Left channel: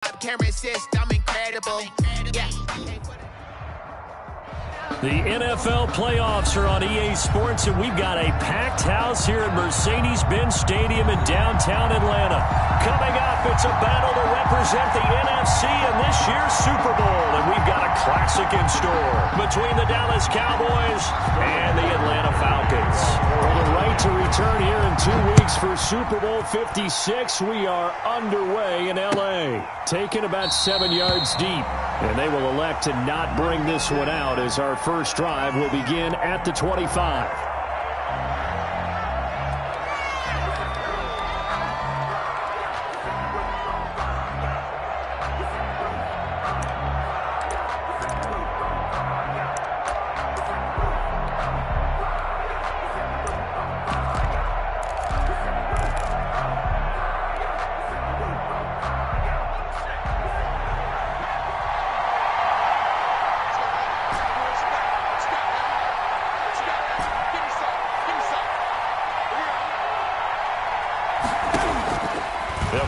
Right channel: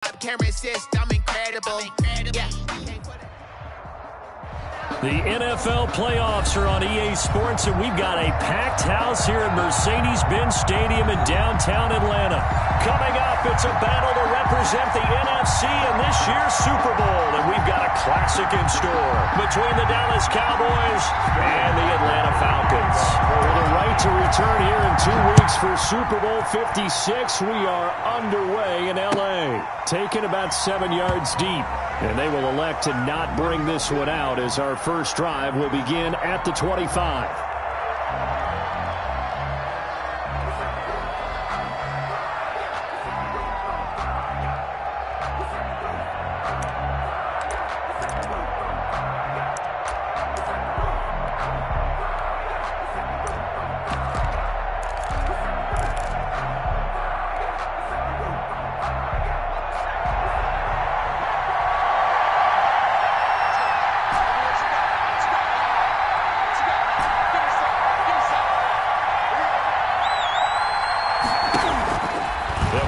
Camera system incredible. Yeah. The NFL playoffs are on EA Sports, and we've got a packed house here at Mercedes-Benz Stadium in downtown Atlanta. Coming up, it's a battle to represent the NFC in this year's Super Bowl, and we've got a classic in store between the Dallas Cowboys and the Atlanta Falcons. For the right to return here in 2 weeks for Super Bowl 56, we are underway in L.A., taken about 7 yards deep. And they will elect to not bring this one out as our first drive will begin at the 25.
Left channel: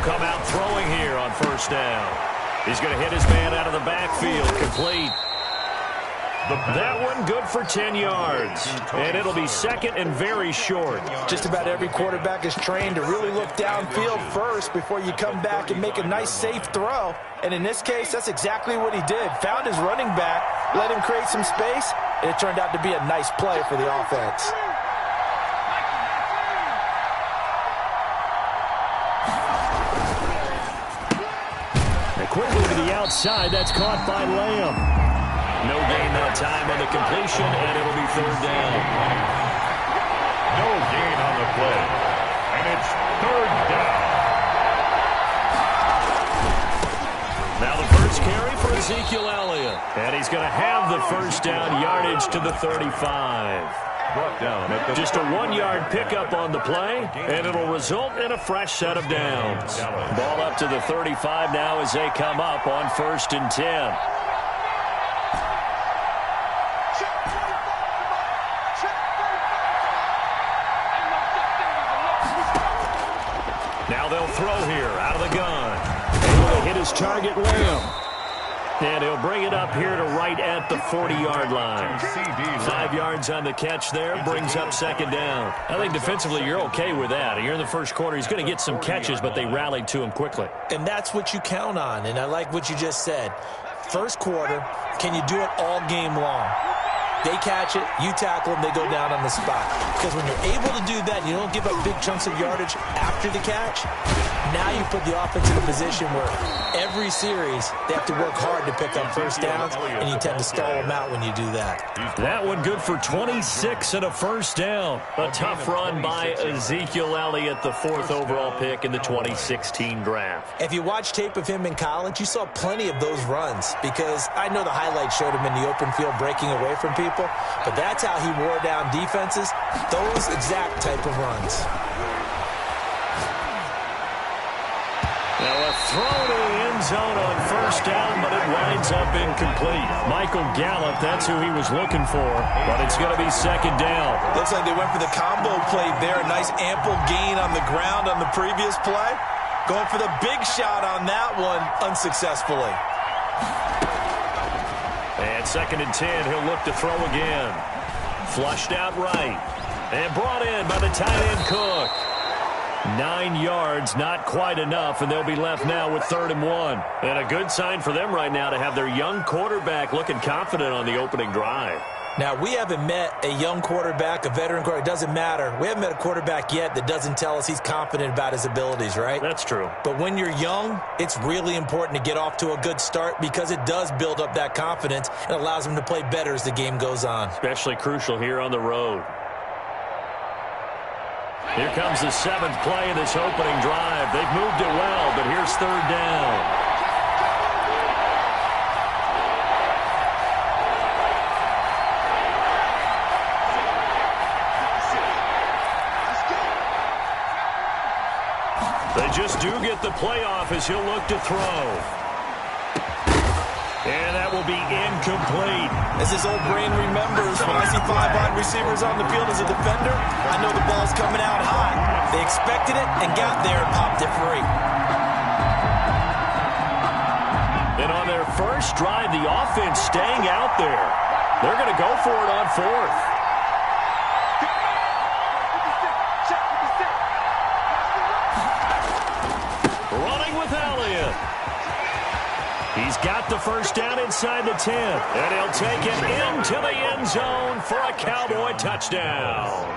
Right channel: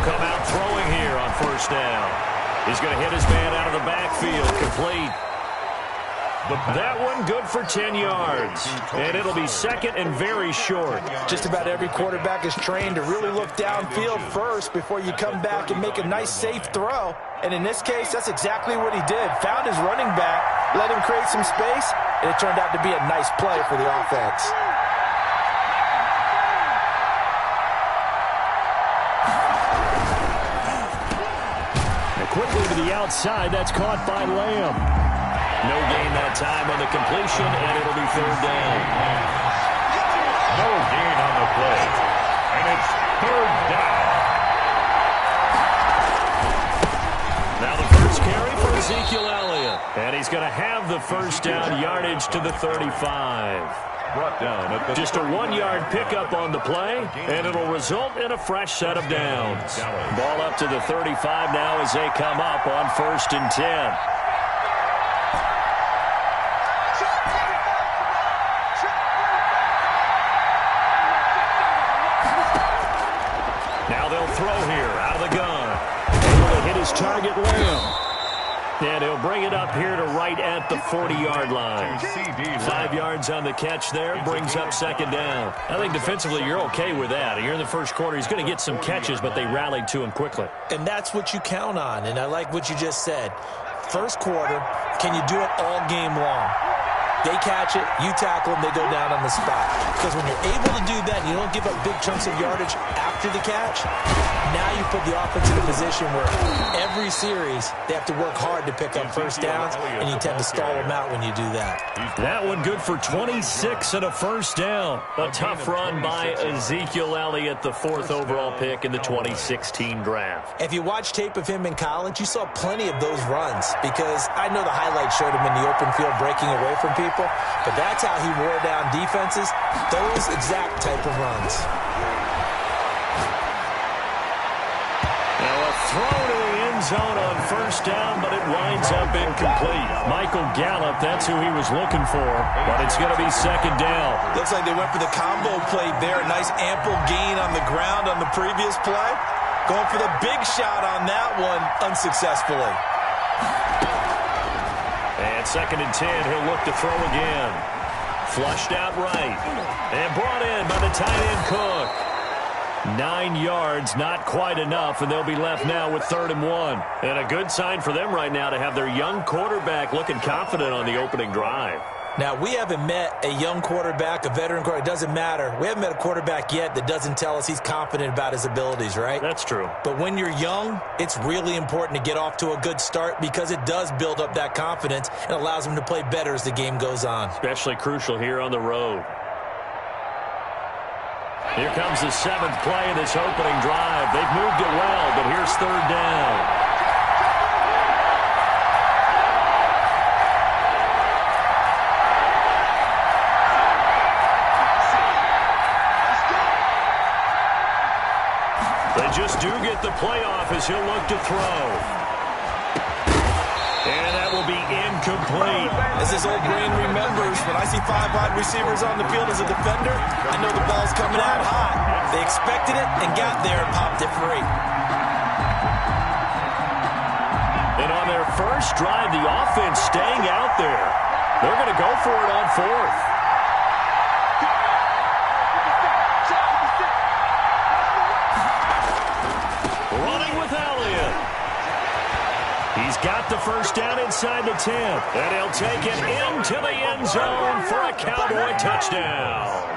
Come out throwing here on first down. He's going to hit his man out of the backfield. Complete. That one good for 10 yards. And it'll be second and very short. Just about every quarterback is trained to really look downfield first before you come back and make a nice, safe throw. And in this case, that's exactly what he did. Found his running back, let him create some space, and it turned out to be a nice play for the offense. Quickly to the outside. That's caught by Lamb. No gain that time on the completion, and it'll be third down. No gain on the play, and it's third down. Now the first carry for Ezekiel Elliott. And he's going to have the first down yardage to the 35. Brought down at the just a 1-yard pickup on the play, and it'll result in a fresh set of downs. Ball up to the 35 now as they come up on 1st and 10. Now they'll throw here out of the gun. Able to hit his target, Lamb. And he'll bring it up here to right at the 40-yard line. 5 yards on the catch there, brings up second down. I think defensively you're okay with that. Here in the first quarter, he's going to get some catches, but they rallied to him quickly. And that's what you count on, and I like what you just said. First quarter, can you do it all game long? They catch it, you tackle them, they go down on the spot. Because when you're able to do that and you don't give up big chunks of yardage after the catch, now you put the offense in a position where every series they have to work hard to pick up first downs, and you tend to stall them out when you do that. That one good for 26 and a first down. A tough run by Ezekiel Elliott, the 4th overall pick in the 2016 draft. If you watch tape of him in college, you saw plenty of those runs because I know the highlights showed him in the open field breaking away from people. But that's how he wore down defenses, those exact type of runs. Now a throw to the end zone on first down, but it winds up incomplete. Michael Gallup, that's who he was looking for, but it's going to be second down. Looks like they went for the combo play there. A nice ample gain on the ground on the previous play. Going for the big shot on that one unsuccessfully. And 2nd and 10, he'll look to throw again. Flushed out right. And brought in by the tight end Cook. 9 yards, not quite enough, and they'll be left now with 3rd and 1. And a good sign for them right now to have their young quarterback looking confident on the opening drive. Now, we haven't met a young quarterback, a veteran quarterback. It doesn't matter. We haven't met a quarterback yet that doesn't tell us he's confident about his abilities, right? That's true. But when you're young, it's really important to get off to a good start because it does build up that confidence and allows him to play better as the game goes on. Especially crucial here on the road. Here comes the 7th play of this opening drive. They've moved it well, but here's 3rd down. They just do get the playoff as he'll look to throw. And that will be incomplete. As his old brain remembers, when I see 5 wide receivers on the field as a defender, I know the ball's coming out high. They expected it and got there and popped it free. And on their first drive, the offense staying out there. They're going to go for it on fourth. Running with Elliott. He's got the first down inside the 10. And he'll take it into the end zone for a Cowboy touchdown.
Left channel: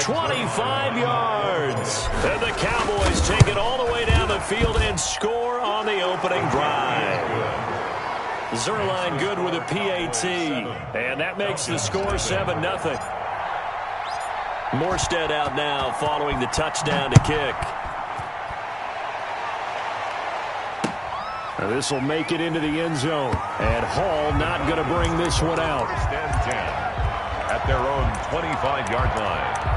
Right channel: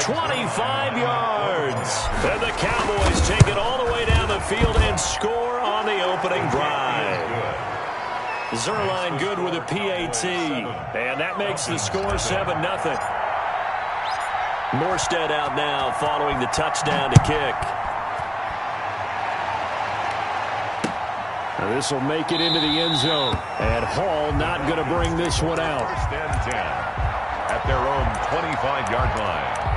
25 yards. And the Cowboys take it all the way down the field and score on the opening drive. Zerline good with a PAT. And that makes the score 7-0. Morstead out now following the touchdown to kick. Now this will make it into the end zone. And Hall not going to bring this one out. First and 10 at their own 25-yard line.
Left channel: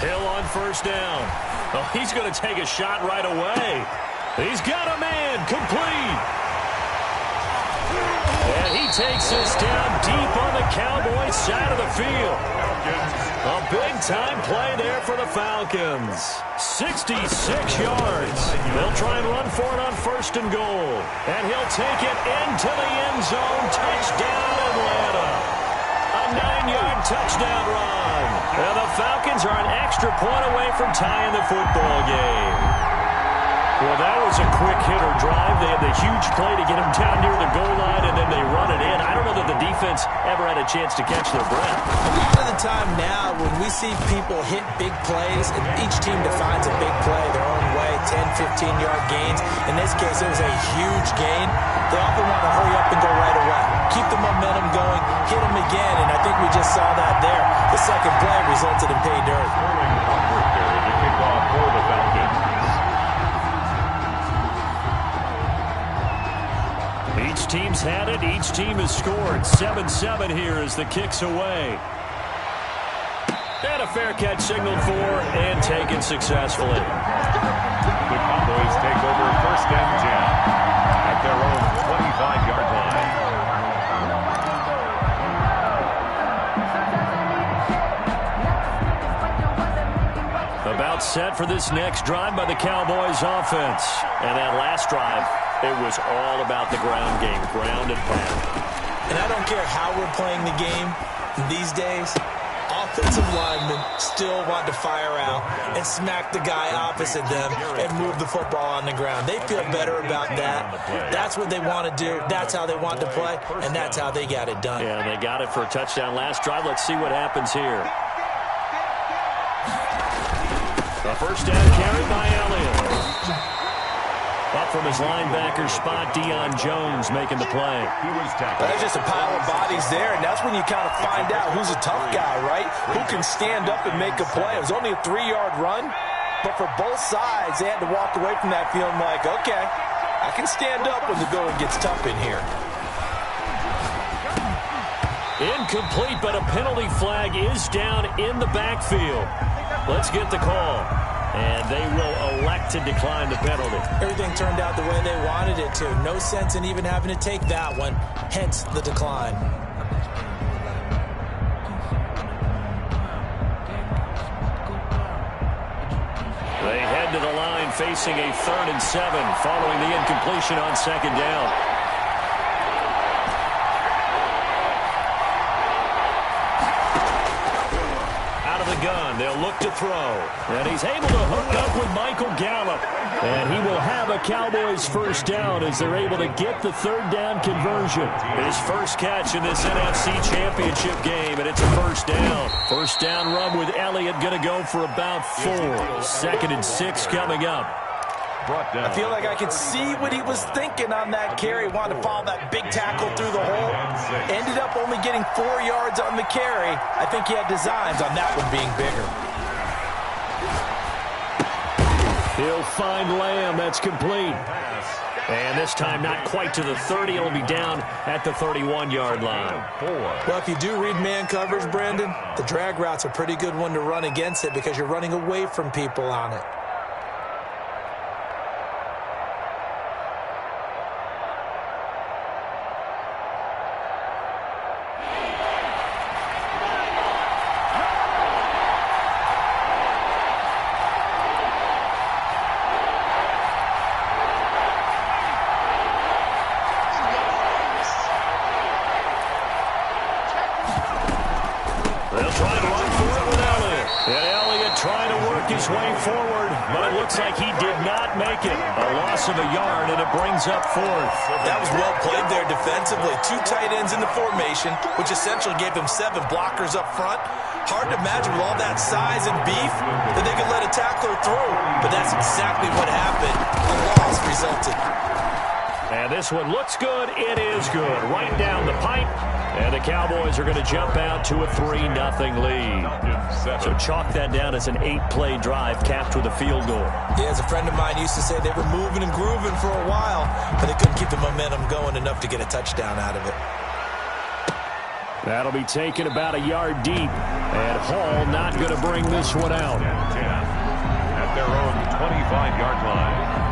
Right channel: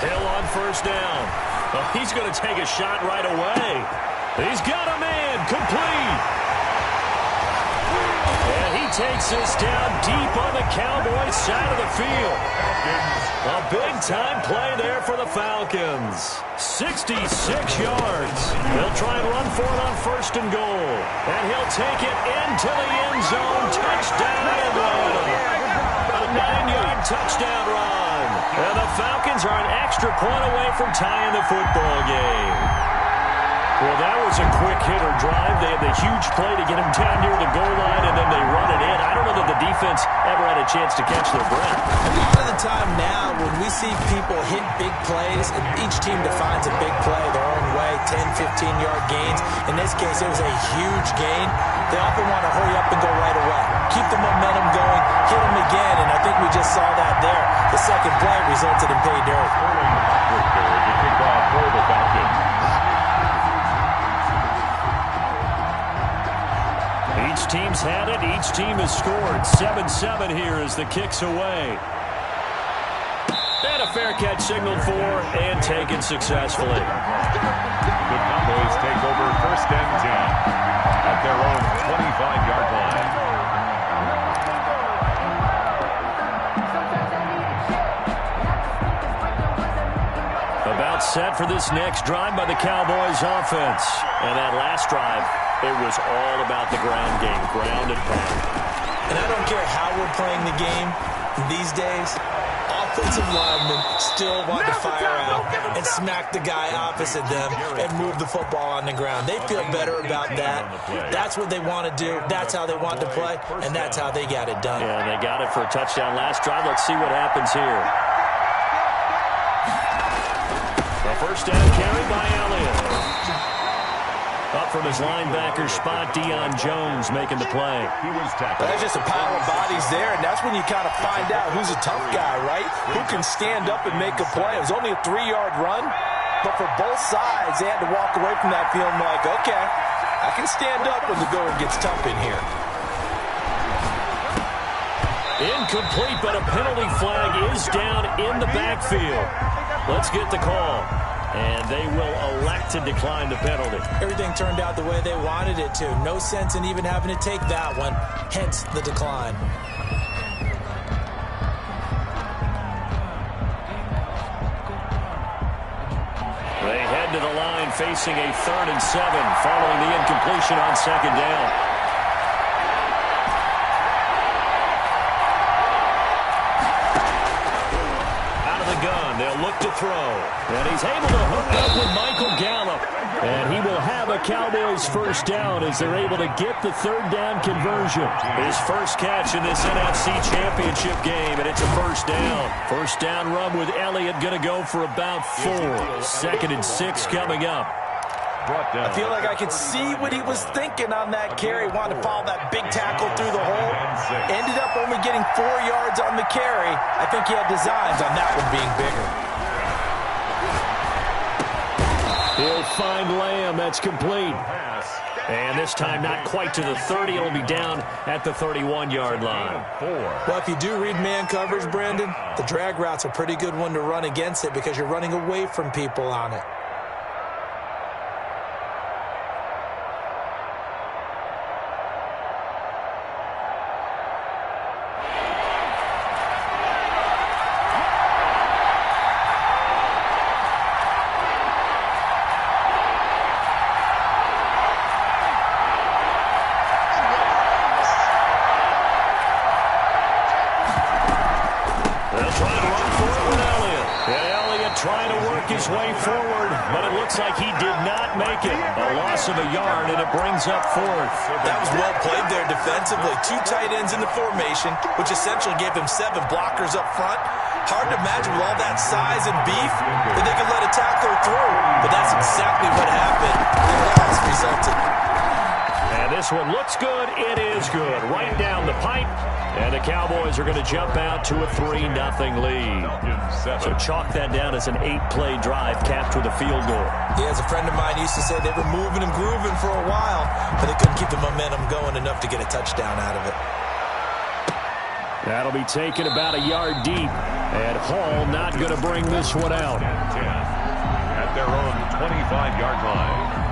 Hill on first down. Oh, he's going to take a shot right away. He's got a man complete. And he takes this down deep on the Cowboys side of the field. A big-time play there for the Falcons. 66 yards. They'll try and run for it on first and goal. And he'll take it into the end zone. Touchdown, Atlanta. A 9-yard touchdown run. And the Falcons are an extra point away from tying the football game. Well, that was a quick hitter drive. They had the huge play to get him down near the goal line, and then they run it in. I don't know that the defense ever had a chance to catch their breath. A lot of the time now, when we see people hit big plays, and each team defines a big play their own way, 10, 15-yard gains. In this case, it was a huge gain. They often want to hurry up and go right away. Keep the momentum going, hit them again, and I think we just saw that there. The second play resulted in pay dirt. Sterling Hopkins there to kick off for the Falcons. Each team's had it. Each team has scored. 7-7 here as the kick's away. And a fair catch signaled for and taken successfully. The Cowboys take over first and 10 at their own 25-yard line. About set for this next drive by the Cowboys offense. And that last drive, it was all about the ground game, ground and pound. And I don't care how we're playing the game these days, offensive linemen still want to fire out and smack the guy opposite them and move the football on the ground. They feel better about that. That's what they want to do. That's how they want to play, and that's how they got it done. Yeah, they got it for a touchdown last drive. Let's see what happens here. A first down carry by Elliott. Up from his linebacker spot, Deion Jones making the play. He was tackled. There's just a pile of bodies there, and that's when you kind of find out who's a tough guy, right? Who can stand up and make a play. It was only a 3-yard run, but for both sides, they had to walk away from that feeling like, okay, I can stand up when the going gets tough in here. Incomplete, but a penalty flag is down in the backfield. Let's get the call. And they will elect to decline the penalty. Everything turned out the way they wanted it to. No sense in even having to take that one, hence the decline. They head to the line facing a 3rd and 7 following the incompletion on second down. Gun. They'll look to throw. And he's able to hook up with Michael Gallup. And he will have a Cowboys first down as they're able to get the 3rd down conversion. His first catch in this NFC Championship game, and it's a first down. First down run with Elliott going to go for about 4. 2nd and 6 coming up. I feel like I could see what he was thinking on that carry. Wanted to follow that big tackle through the hole. Ended up only getting 4 yards on the carry. I think he had designs on that one being bigger. He'll find Lamb. That's complete. And this time not quite to the 30. It'll be down at the 31-yard line. Well, if you do read man coverage, Brandon, the drag route's a pretty good one to run against it because you're running away from people on it. Trying to work his way forward, but it looks like he did not make it. A loss of a yard, and it brings up fourth. That was well played there defensively. 2 tight ends in the formation, which essentially gave him 7 blockers up front. Hard to imagine with all that size and beef that they could let a tackler through, but that's exactly what happened. The loss resulted. And this one looks good. It is good. Right down the pipe. And the Cowboys are going to jump out to a 3-0 lead. So chalk that down as an 8-play drive capped with a field goal. Yeah, as a friend of mine used to say, they were moving and grooving for a while, but they couldn't keep the momentum going enough to get a touchdown out of it. That'll be taken about a yard deep. And Hall not going to bring this one out. 10 at their own 25-yard line.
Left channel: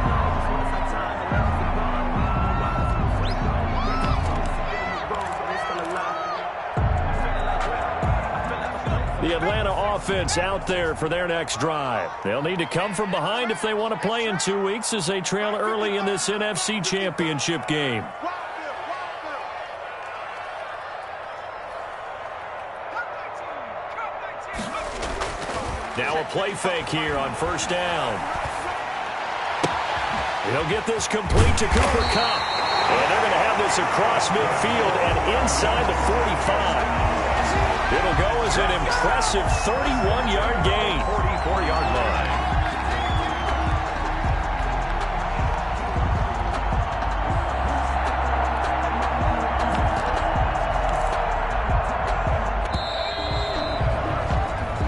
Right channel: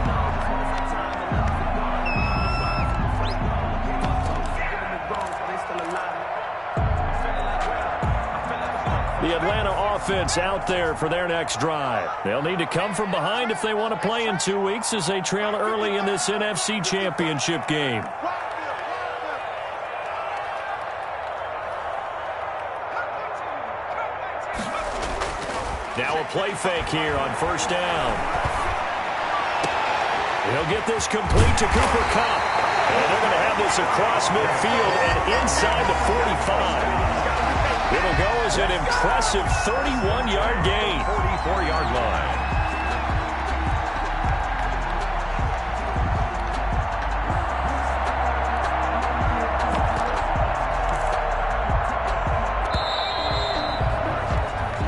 The Atlanta offense out there for their next drive. They'll need to come from behind if they want to play in 2 weeks as they trail early in this NFC Championship game. Now a play fake here on first down. He'll get this complete to Cooper Kupp. And they're going to have this across midfield and inside the 45. It'll go as an impressive 31-yard gain. 44-yard line.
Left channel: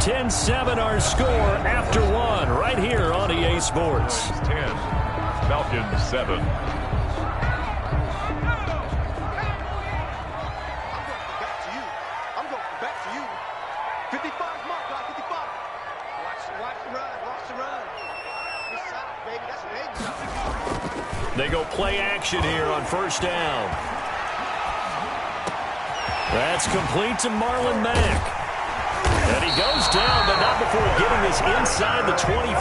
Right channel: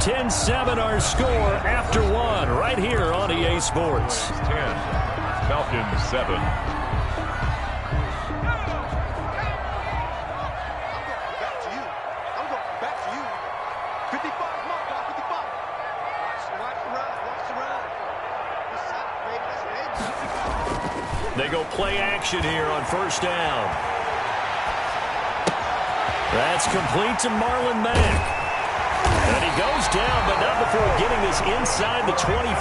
(10-7) our score after 1 right here on EA Sports. 10, Falcons 7. They go play action here on first down. That's complete to Marlon Mack. And he goes down, but not before getting this inside the 25.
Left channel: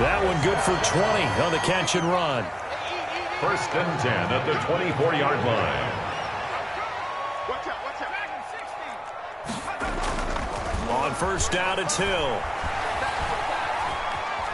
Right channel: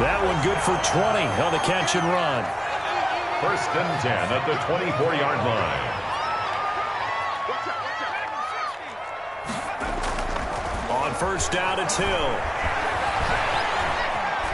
That one good for 20 on the catch and run. First and 10 at the 24-yard line. On first down, it's Hill.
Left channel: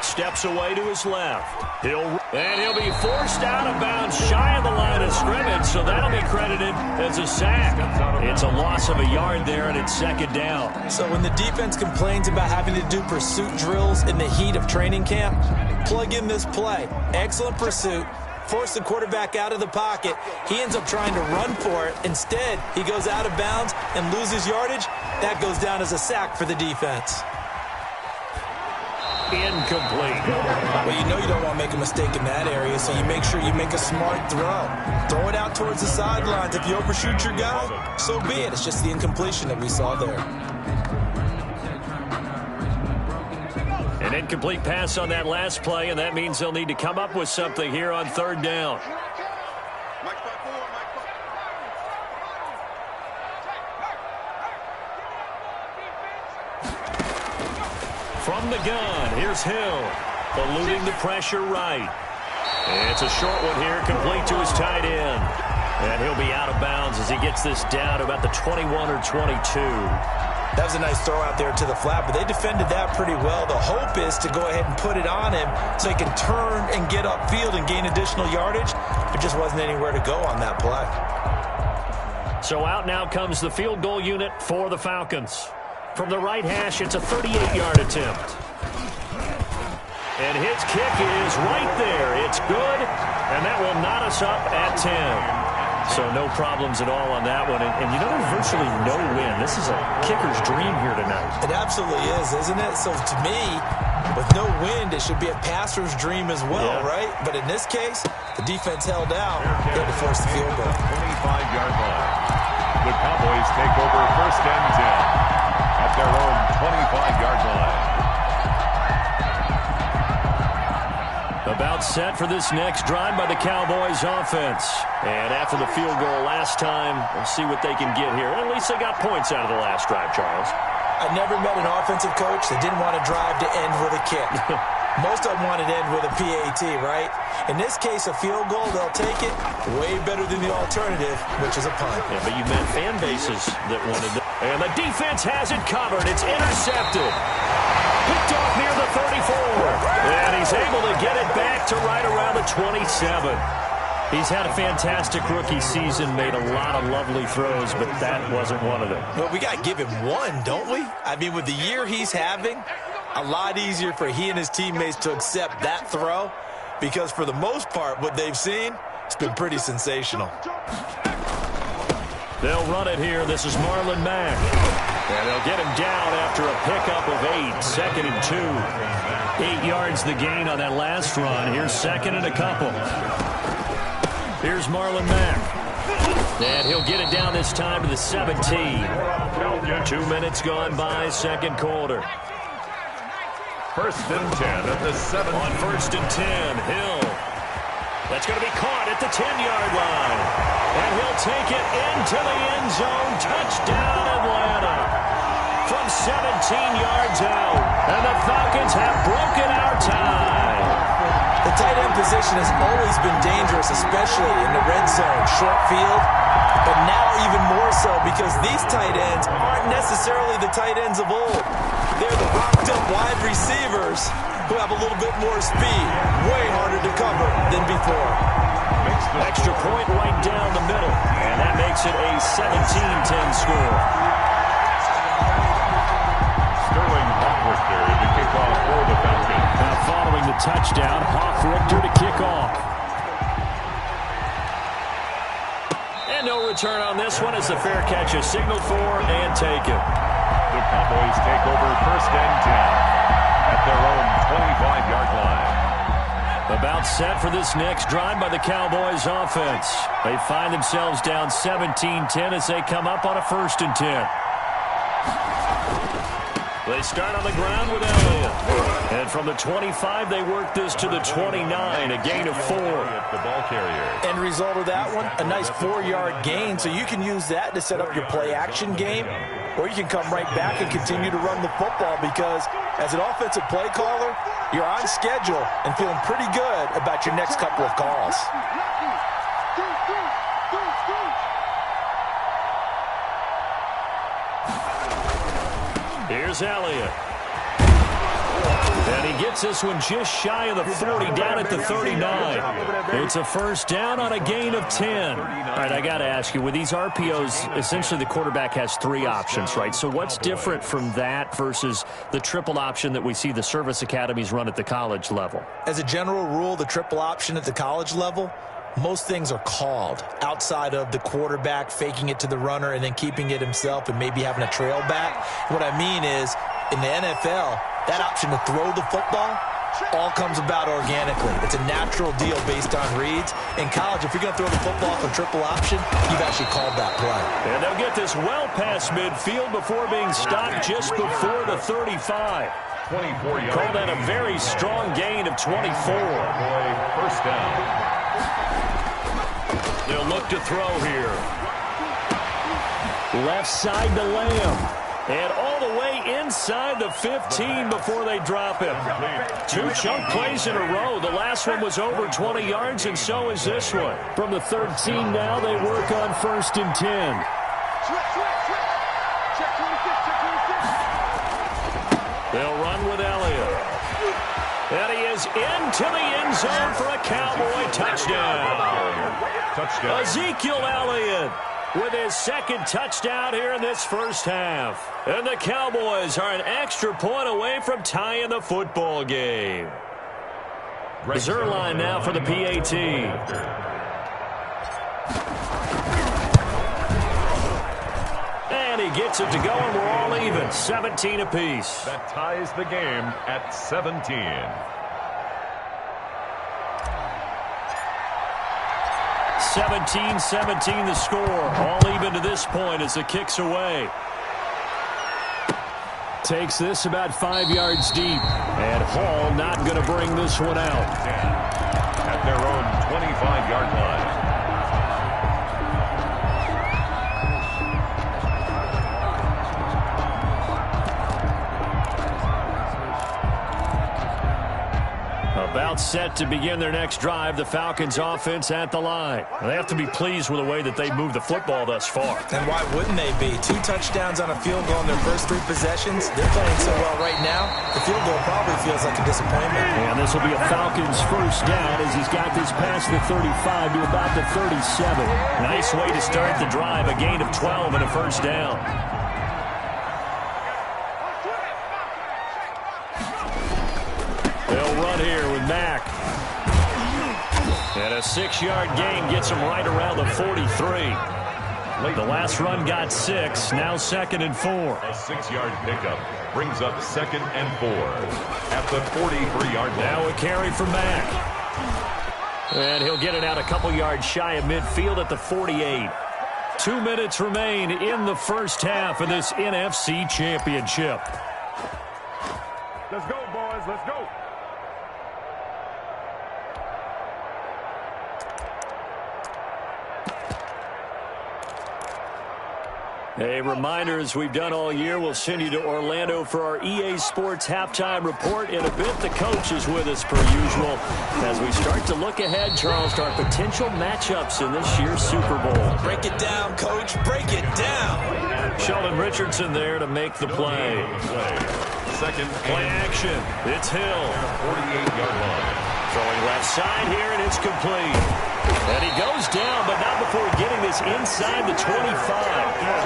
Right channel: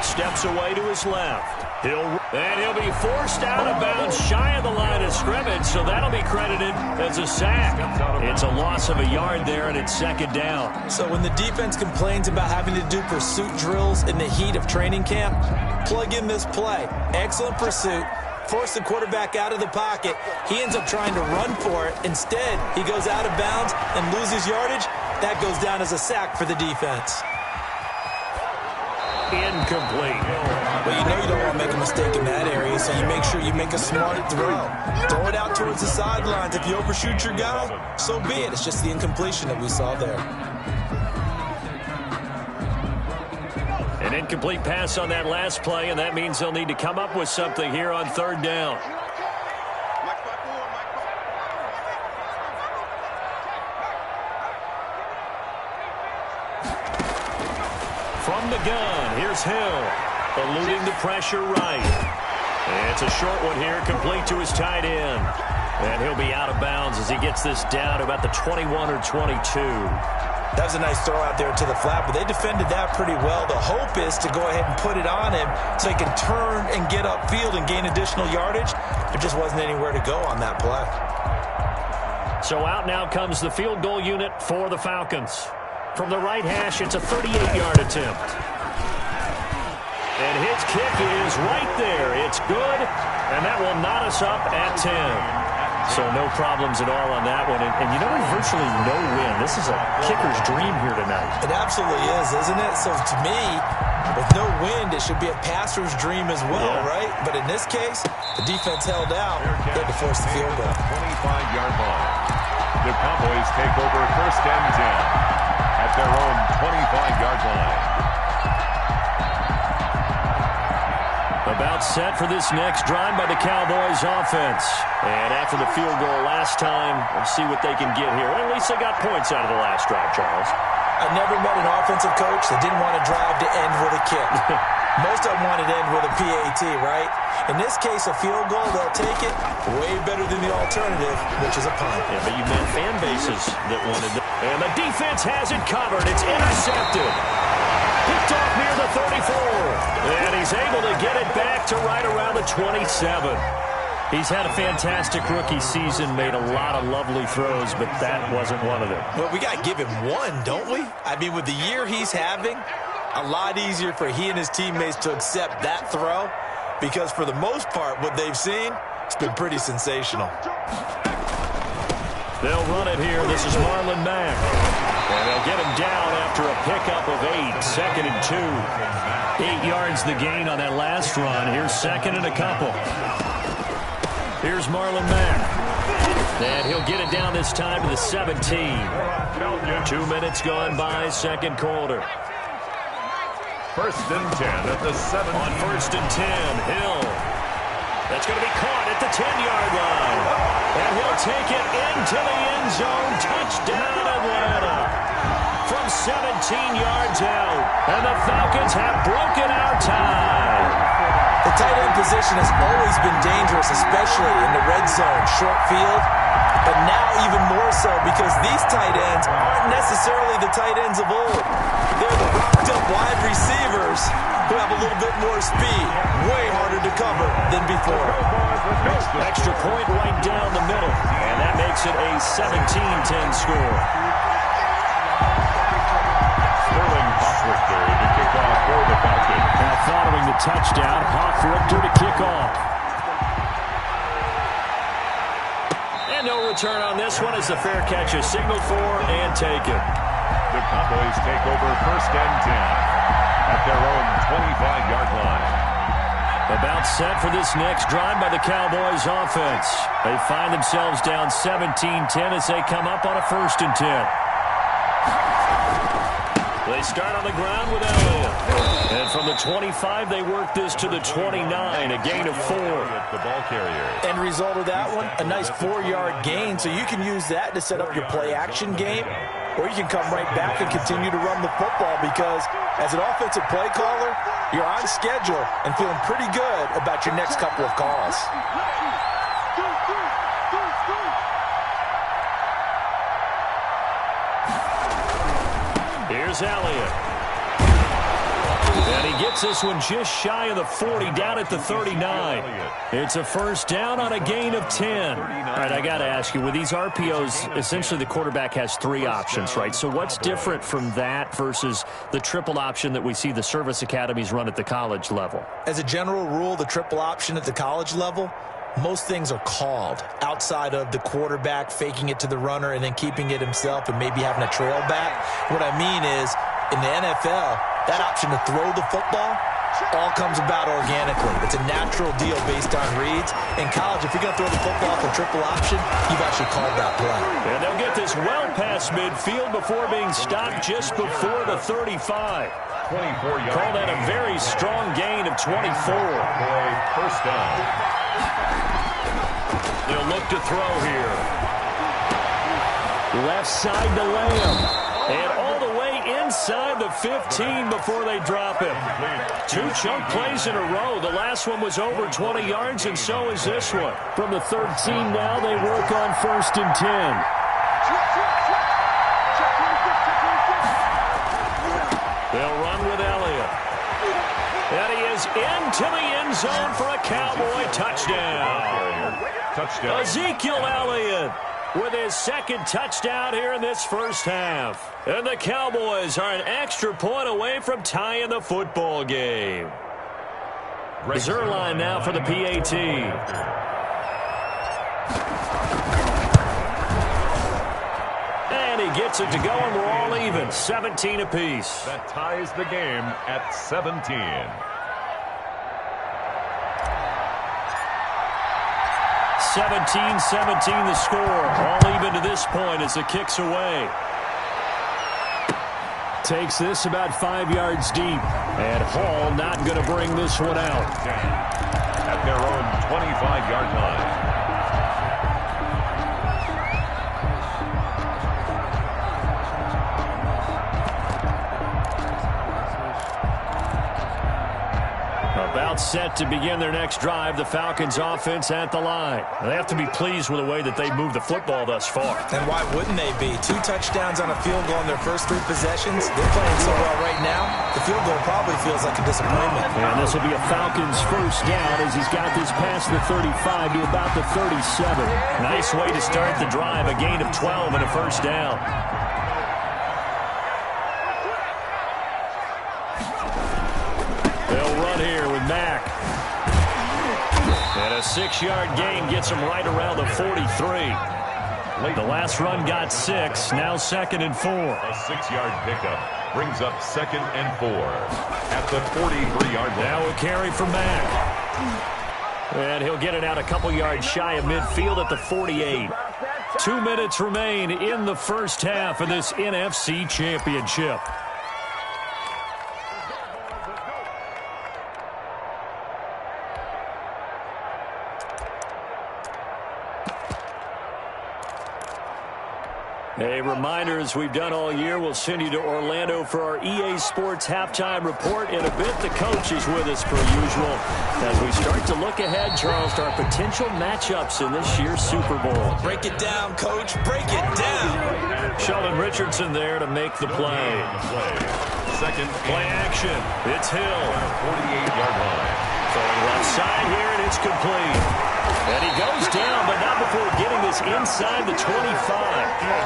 Steps away to his left. He'll be forced out of bounds shy of the line of scrimmage, so that'll be credited as a sack. It's a loss of a yard there, and it's second down. So when the defense complains about having to do pursuit drills in the heat of training camp, plug in this play. Excellent pursuit. Force the quarterback out of the pocket. He ends up trying to run for it. Instead, he goes out of bounds and loses yardage. That goes down as a sack for the defense. Incomplete. Well, you know you don't want to make a mistake in that area, so you make sure you make a smart throw. Throw it out towards the sidelines. If you overshoot your guy, so be it. It's just the incompletion that we saw there. An incomplete pass on that last play, and that means they'll need to come up with something here on third down. From the gun, here's Hill, eluding the pressure right. It's a short one here, complete to his tight end. And he'll be out of bounds as he gets this down to about the 21 or 22. That was a nice throw out there to the flat, but they defended that pretty well. The hope is to go ahead and put it on him so he can turn and get upfield and gain additional yardage. There just wasn't anywhere to go on that play. So out now comes the field goal unit for the Falcons. From the right hash, it's a 38-yard attempt. And his kick is right there. It's good, and that will knot us up at 10. So no problems at all on that one. And you know, there's virtually no win. This is a kicker's dream here tonight. It absolutely is, isn't it? So to me, With no wind, it should be a passer's dream as well, right? But in this case, the defense held out. They had to force the field goal. 25-yard line. The Cowboys take over first and 10 at their own 25-yard line. About set for this next drive by the Cowboys offense. And after the field goal last time, we'll see what they can get here. At least they got points out of the last drive, Charles. I never met an offensive coach that didn't want to drive to end with a kick. Most of them wanted to end with a PAT, right? In this case, a field goal, they'll take it. Way better than the alternative, which is a punt. Yeah, but you met fan bases that wanted to. And the defense has it covered. It's intercepted. Picked off near the 34. And he's able to get it back to right around the 27. He's had a fantastic rookie season, made a lot of lovely throws, but that wasn't one of them. Well, we got to give him one, don't we? I mean, with the year he's having, a lot easier for he and his teammates to accept that throw because for the most part, what they've seen, it's been pretty sensational. They'll run it here. This is Marlon Mack. And they'll get him down after a pickup of 8, 2nd and 2. 8 yards the gain on that last run. Here's 2nd and a couple. Here's Marlon Mack. And he'll get it down this time to the 17. 2 minutes gone by, 2nd quarter. First and 10 at the 7. On 1st and 10, Hill. That's going to be caught at the 10-yard line. And he'll take it into the end zone. Touchdown, Atlanta. From 17 yards out. And the Falcons have broken our tie. The tight end position has always been dangerous, especially in the red zone, short field. But now even more so because these tight ends aren't necessarily the tight ends of old. They're the rocked-up wide receivers who have a little bit more speed. Way harder to cover than before. Extra point right down the middle. And that makes it a 17-10 score. Sterling Hoffrichter to kick off for the Falcons. Now following the touchdown, Hoffrichter to kick off. And no return on this one as the fair catch is signaled for and taken. The Cowboys take over first and 10 at their own 25-yard line. About set for this next drive by the Cowboys offense. They find themselves down 17-10 as they come up on a 1st and 10. They start on the ground with Elliott. And from the 25, they work this to the 29, a gain of 4. The ball carrier. End result of that one, a nice 4-yard gain, so you can use that to set up your play-action game, or you can come right back and continue to run the football because as an offensive play caller, you're on schedule and feeling pretty good about your next couple of calls. Here's Elliott. And he gets this one just shy of the 40, down at the 39. It's a first down on a gain of 10. All right, I got to ask you, with these RPOs, essentially the quarterback has 3 options, right? So what's different from that versus the triple option that we see the service academies run at the college level? As a general rule, the triple option at the college level, most things are called outside of the quarterback faking it to the runner and then keeping it himself and maybe having a trail back. What I mean is, in the NFL, that option to throw the football all comes about organically. It's a natural deal based on reads. In college, if you're going to throw the football for triple option, you've actually called that play. And they'll get this well past midfield before being stopped just before the 35. 24 yards. Call that a very strong gain of 24. First down. They'll look to throw here. Left side to Lamb. And all the way inside the 15 before they drop him. 2 chunk plays in a row. The last one was over 20 yards, and so is this one. From the 13 now, they work on 1st and 10. They'll run with Elliott. And he is into the end zone for a Cowboy touchdown. Touchdown. Ezekiel Elliott with his 2nd touchdown here in this first half. And the Cowboys are an extra point away from tying the football game. Zerline now for the PAT. And he gets it to go, and we're all even. 17 apiece. That ties the game at 17. 17-17 the score. All even to this point as the kick's away. Takes this about 5 yards deep. And Hall not going to bring this one out. At their own 25-yard line. About set to begin their next drive. The Falcons offense at the line. They have to be pleased with the way that they moved the football thus far. And why wouldn't they be? 2 touchdowns on a field goal in their first 3 possessions. They're playing so well right now, the field goal probably feels like a disappointment. And this will be a Falcons first down as he's got this past the 35 to about the 37. Nice way to start the drive. A gain of 12 and a first down. They'll run here with Mack. And a 6-yard gain gets him right around the 43. The last run got 6, now 2nd and 4. A 6-yard pickup brings up 2nd and 4 at the 43-yard line. Now a carry for Mack. And he'll get it out a couple yards shy of midfield at the 48. 2 minutes remain in the first half of this NFC Championship. Let's go, boys. Let's go. A reminder, as we've done all year, we'll send you to Orlando for our EA Sports halftime report. In a bit, the coach is with us per usual as we start to look ahead, Charles, to our potential matchups in this year's Super Bowl. Break it down, Coach. Break it down. Sheldon Richardson there to make the play. Second Play action. It's Hill. 48-yard line. Throwing left side here, and it's complete. And he goes down, but not before getting this inside the 25.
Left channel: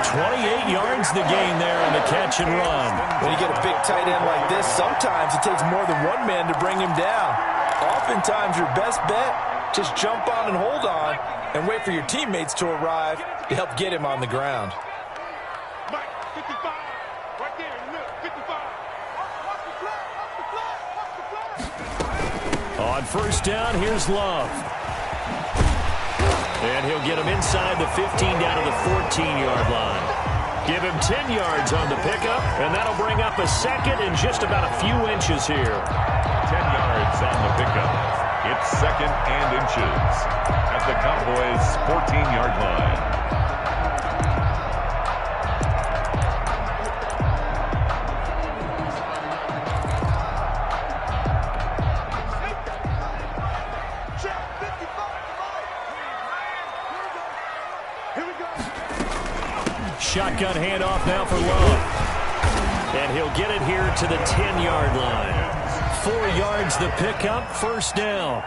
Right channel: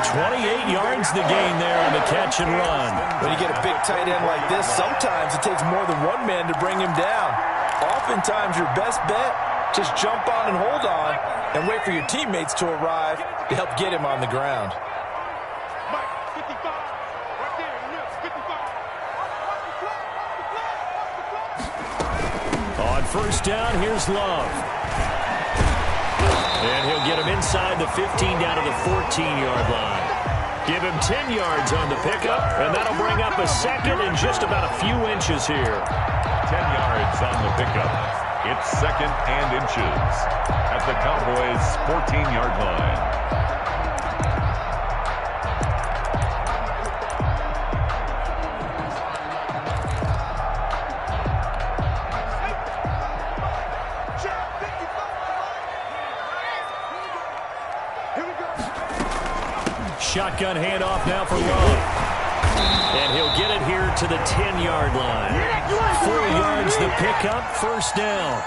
28 yards the gain there on the catch and run. When you get a big tight end like this, sometimes it takes more than one man to bring him down. Oftentimes, your best bet, just jump on and hold on and wait for your teammates to arrive to help get him on the ground. Mike, 55, right there in the middle, 55. On first down, here's Love. And he'll get him inside the 15 down to the 14-yard line. Give him 10 yards on the pickup, and that'll bring up a second in just about a few inches here. 10 yards on the pickup. It's 2nd and inches at the Cowboys' 14-yard line. Shotgun handoff now for Love. And he'll get it here to the 10-yard line. 4 yards the pickup, first down.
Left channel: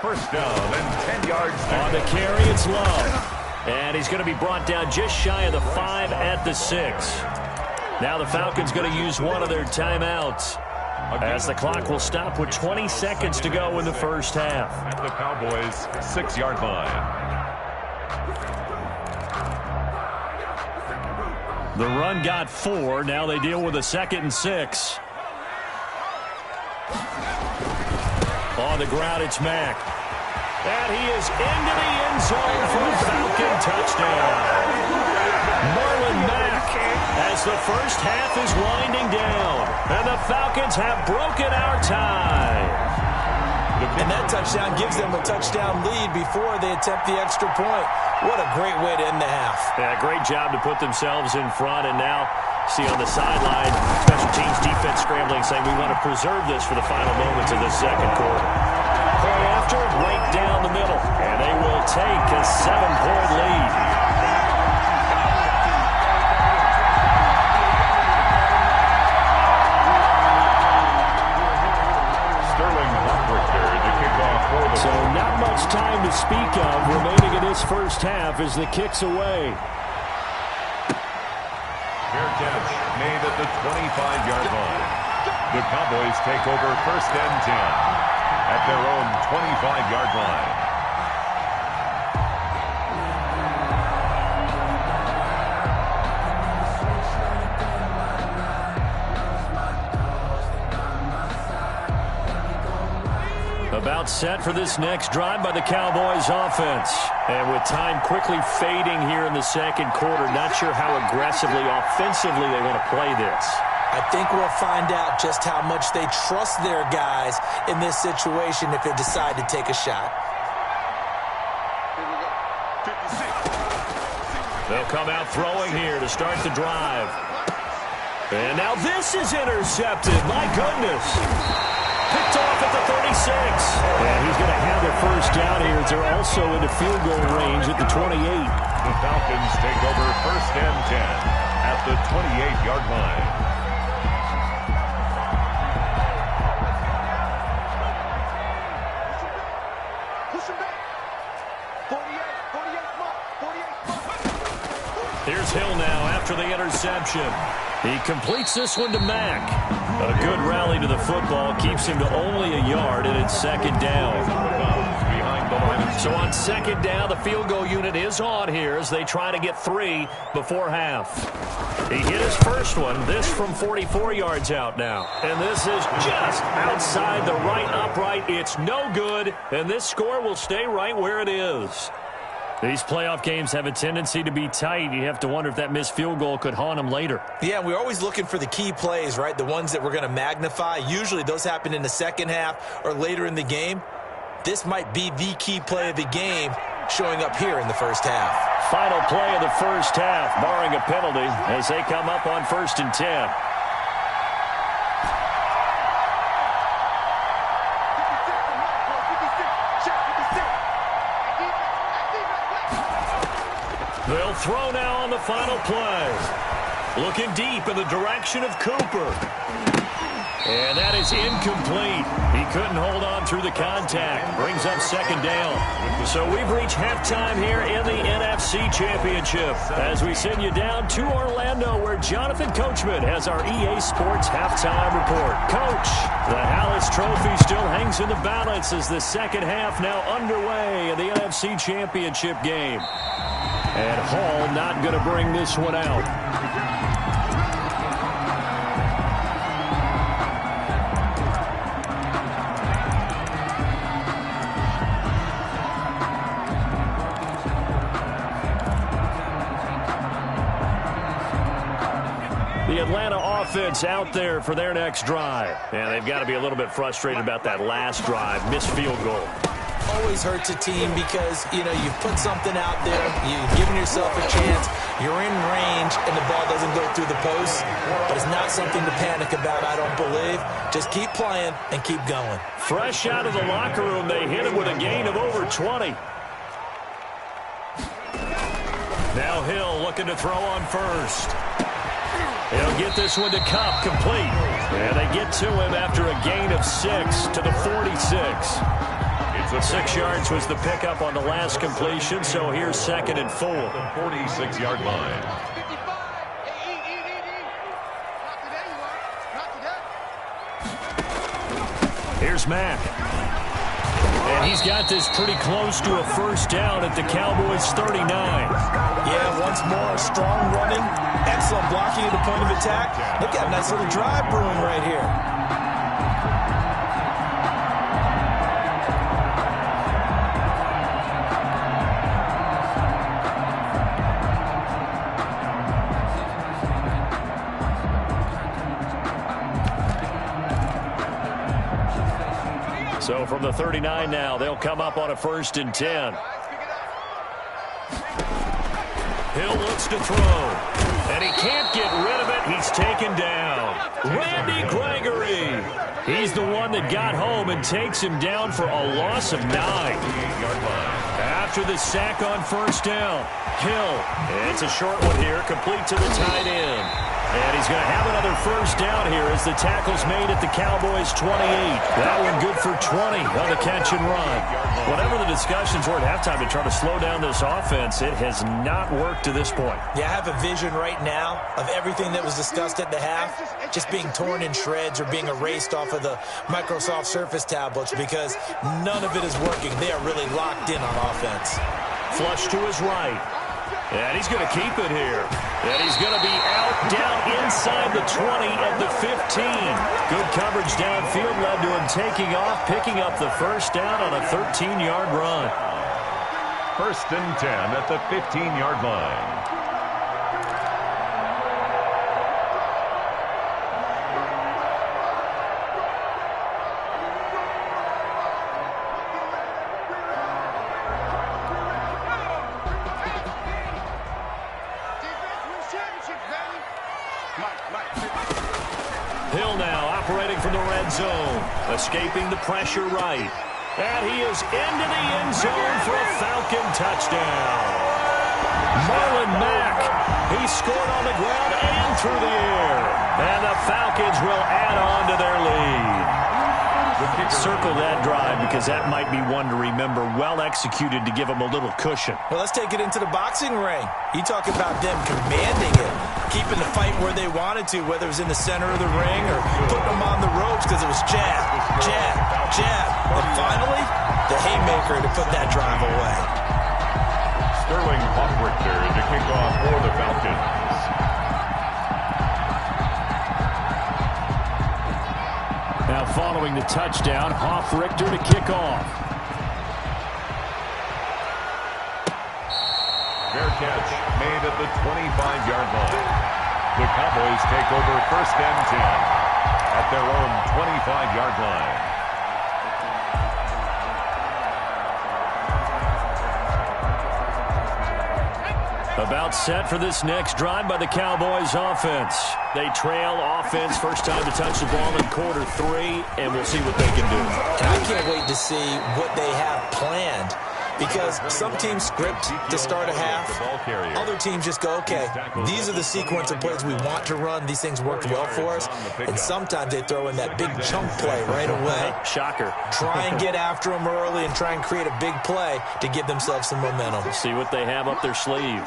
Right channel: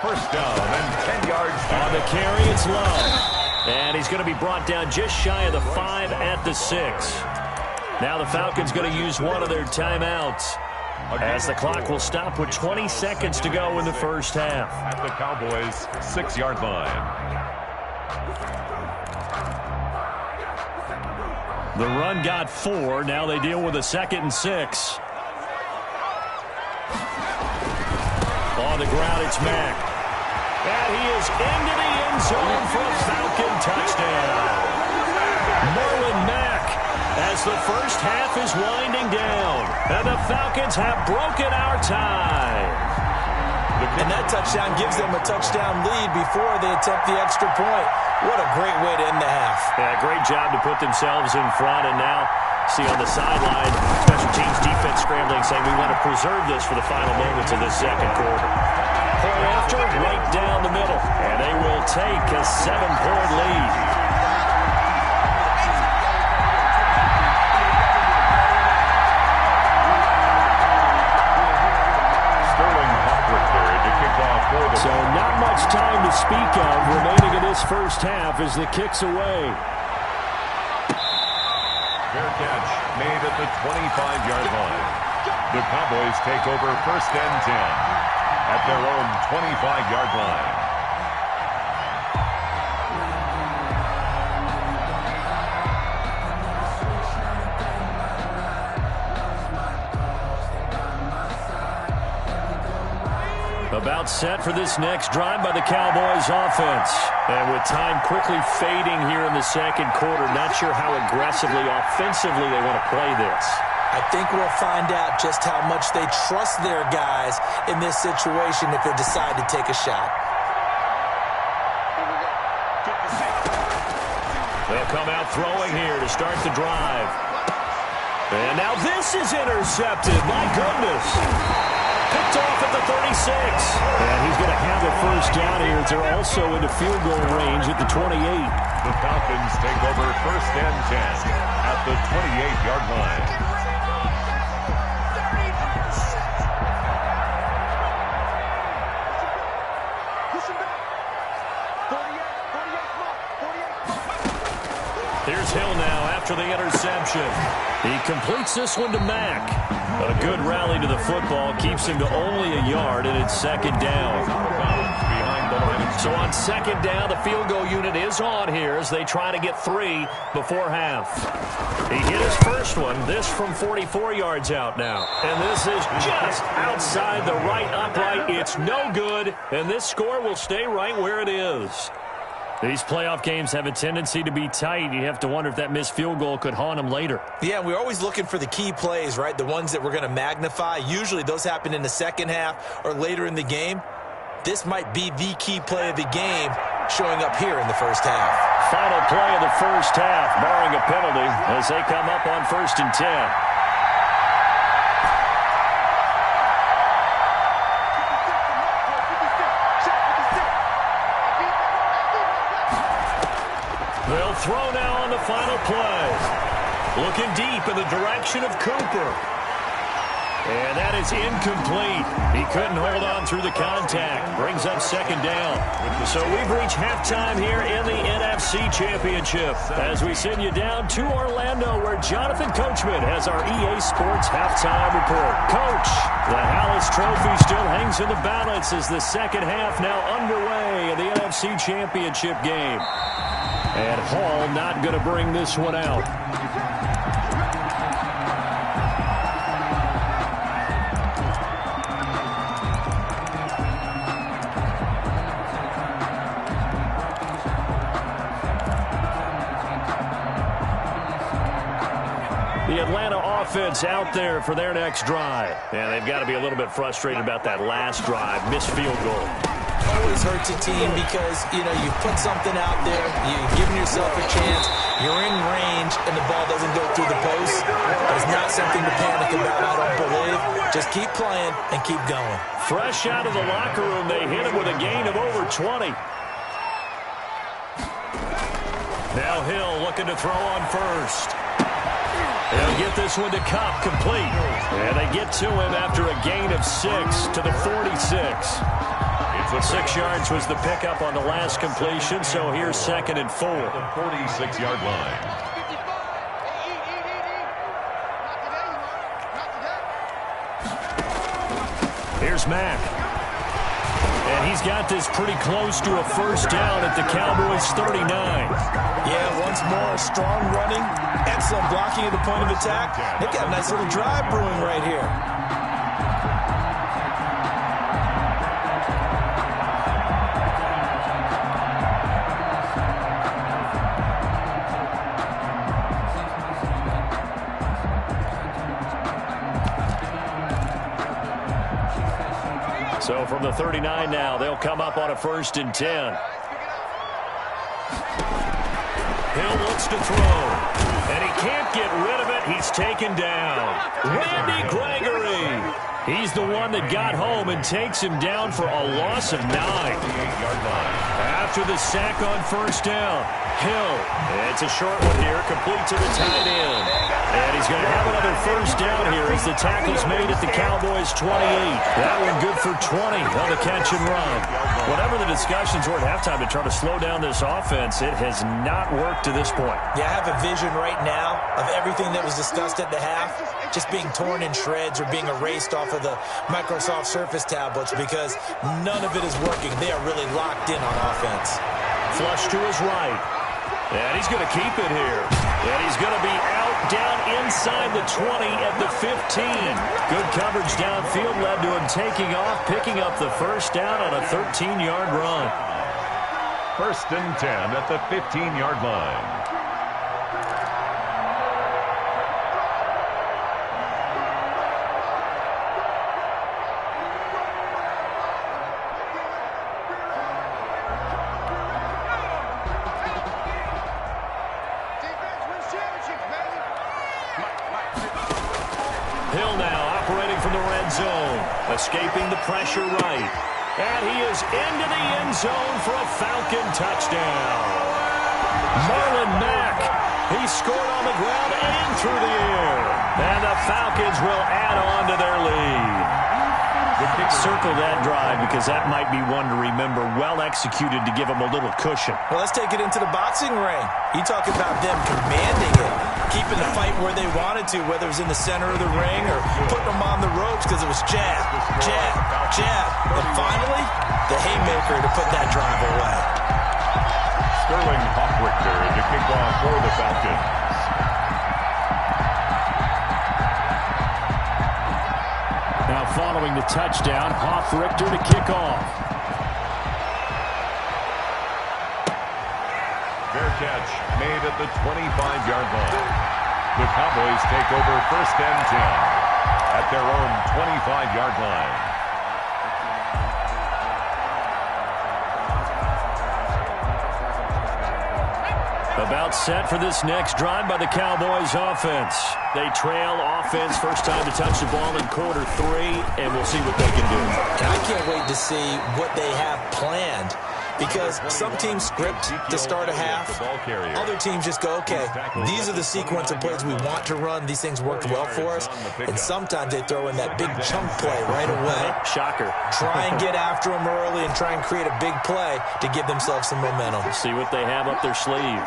First down and 10 yards. On the carry, it's Love. And he's going to be brought down just shy of the 5 at the 6. Now the Falcons going to use one of their timeouts, as the clock will stop with 20 seconds to go in the first half. At the Cowboys' 6-yard line. The run got 4. Now they deal with a 2nd and 6. On the ground, it's Mack. And he is into the end zone for a Falcon touchdown. Marlon Mack, as the first half is winding down. And the Falcons have broken our tie. And that touchdown gives them a touchdown lead before they attempt the extra point. What a great way to end the half. Yeah, great job to put themselves in front. And now, see on the sideline, special teams defense scrambling, saying we want to preserve this for the final moments of this second quarter. Point after, right down the middle. And they will take a 7-point lead. So not much time to speak of remaining in this first half as the kick's away. Fair catch made at the 25-yard line. The Cowboys take over first and 10 at their own 25-yard line. About set for this next drive by the Cowboys offense. And with time quickly fading here in the second quarter, not sure how aggressively, offensively they want to play this. I think we'll find out just how much they trust their guys in this situation if they decide to take a shot. Here we go. 56. They'll come out throwing here to start the drive. And now this is intercepted. My goodness. Picked off at the 36. And he's going to have a first down here as they're also into field goal range at the 28. The Falcons take over first and 10 at the 28-yard line. Here's Hill now after the interception. He completes this one to Mack. A good rally to the football keeps him to only a yard, and it's second down. Behind the line. So on second down, the field goal unit is on here as they try to get 3 before half. He hit his first one, this from 44 yards out now. And this is just outside the right upright. It's no good, and this score will stay right where it is. These playoff games have a tendency to be tight. You have to wonder if that missed field goal could haunt them later. Yeah, we're always looking for the key plays, right? The ones that we're going to magnify. Usually those happen in the second half or later in the game. This might be the key play of the game showing up here in the first half. Final play of the first half, barring a penalty, as they come up on 1st and 10. They'll throw now on the final play. Looking deep in the direction of Cooper. And that is incomplete. He couldn't hold on through the contact. Brings up second down. So we've reached halftime here in the NFC Championship as we send you down to Orlando where Jonathan Coachman has our EA Sports halftime report. Coach, the Hallis Trophy still hangs in the balance as the second half now underway in the NFC Championship game. And Hall not going to bring this one out. The Atlanta offense out there for their next drive. And they've got to be a little bit frustrated about that last drive, missed field goal. Always hurts a team because, you know, you've put something out there, you've given yourself a chance, you're in range, and the ball doesn't go through the post. But it's not something to panic about, I don't believe. Just keep playing and keep going. Fresh out of the locker room, they hit him with a gain of over 20. Now Hill looking to throw on first. He'll get this one to Kupp complete. And they get to him after a gain of 6 to the 46. 6 yards was the pickup on the last completion, so here's 2nd and 4. The 46-yard line. Here's Mack. And he's got this pretty close to a first down at the Cowboys' 39. Yeah, once more, strong running, excellent blocking at the point of attack. They've got a nice little drive brewing right here. So from the 39 now, they'll come up on a 1st and 10. Hill looks to throw, and he can't get rid of it. He's taken down. Randy Gregory. He's the one that got home and takes him down for a loss of 9. After the sack on first down, Hill. It's a short one here, complete to the tight end. And he's going to have another first down here as the tackle's made at the Cowboys' 28. That one good for 20 on the catch and run. Whatever the discussions were at halftime to try to slow down this offense, it has not worked to this point. Yeah, I have a vision right now of everything that was discussed at the half just being torn in shreds or being erased off of the Microsoft Surface tablets because none of it is working. They are really locked in on offense. Flush to his right. And he's going to keep it here. And he's going to be out down inside the 20 at the 15. Good coverage downfield led to him taking off, picking up the first down on a 13-yard run. 1st and 10 at the 15-yard line. Hill now operating from the red zone, escaping the pressure right. And he is into the end zone for a Falcon touchdown. Marlon Mack, he scored on the ground and through the air. And the Falcons will add on to their lead. Circle that drive because that might be one to remember. Well executed to give them a little cushion. Well, let's take it into the boxing ring. You talk about them commanding it, keeping the fight where they wanted to, whether it was in the center of the ring or putting them on the ropes because it was jab, jab, jab. And finally, the haymaker to put that drive away. Sterling Hoffrichter to kick off for the Falcons. Now following the touchdown, Hoffrichter to kick off. Fair catch made at the 25-yard line. The Cowboys take over 1st and 10 at their own 25-yard line. About set for this next drive by the Cowboys offense. They trail offense, first time to touch the ball in quarter 3, and we'll see what they can do. And I can't wait to see what they have planned because some teams script to start a half. Other teams just go, okay, these are the sequence of plays we want to run. These things worked well for us. And sometimes they throw in that big chunk play right away. Shocker. Try and get after them early and try and create a big play to give themselves some momentum. See what they have up their sleeve.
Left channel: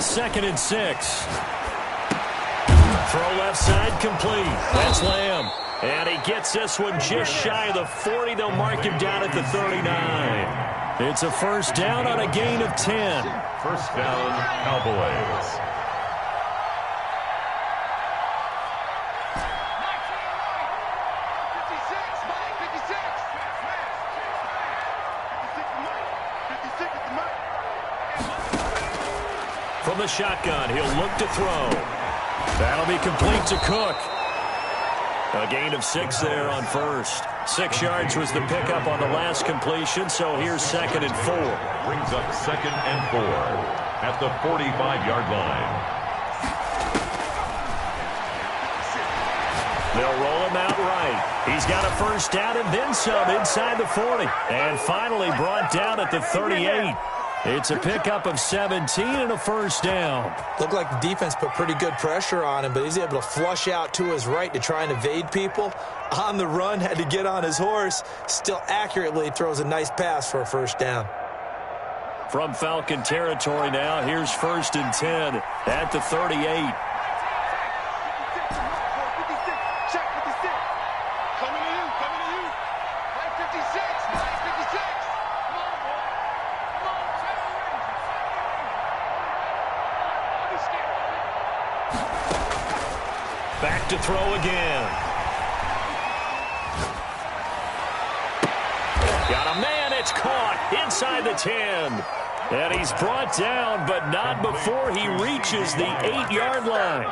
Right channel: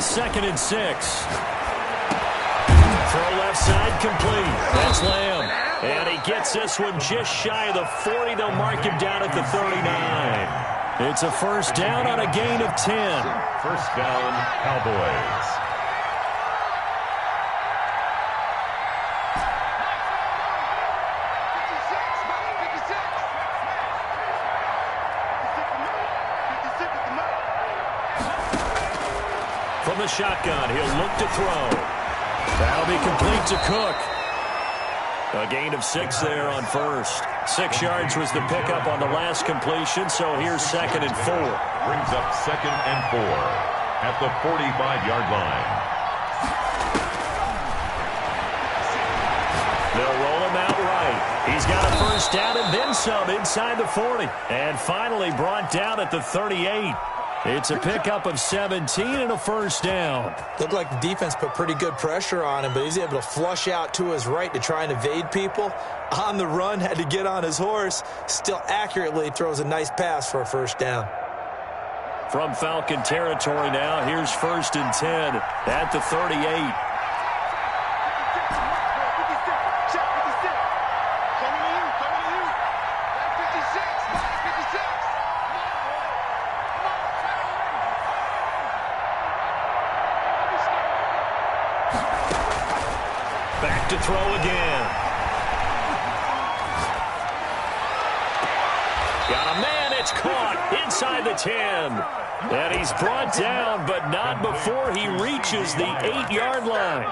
Second and 6. Throw left side complete. That's Lamb. And he gets this one just shy of the 40. They'll mark him down at the 39. It's a first down on a gain of 10. First down, Cowboys. From the shotgun, he'll look to throw. That'll be complete to Cook. A gain of 6 there on first. 6 yards was the pickup on the last completion, so here's 2nd and 4. Brings up 2nd and 4 at the 45-yard line. They'll roll him out right. He's got a first down and then some inside the 40. And finally brought down at the 38. It's a pickup of 17 and a first down. Looked like the defense put pretty good pressure on him, but he's able to flush out to his right to try and evade people. On the run, had to get on his horse. Still accurately throws a nice pass for a first down. From Falcon territory now, here's 1st and 10 at the 38. Back to throw again. Got a man, it's caught inside the 10. And he's brought down, but not before he reaches the 8-yard line.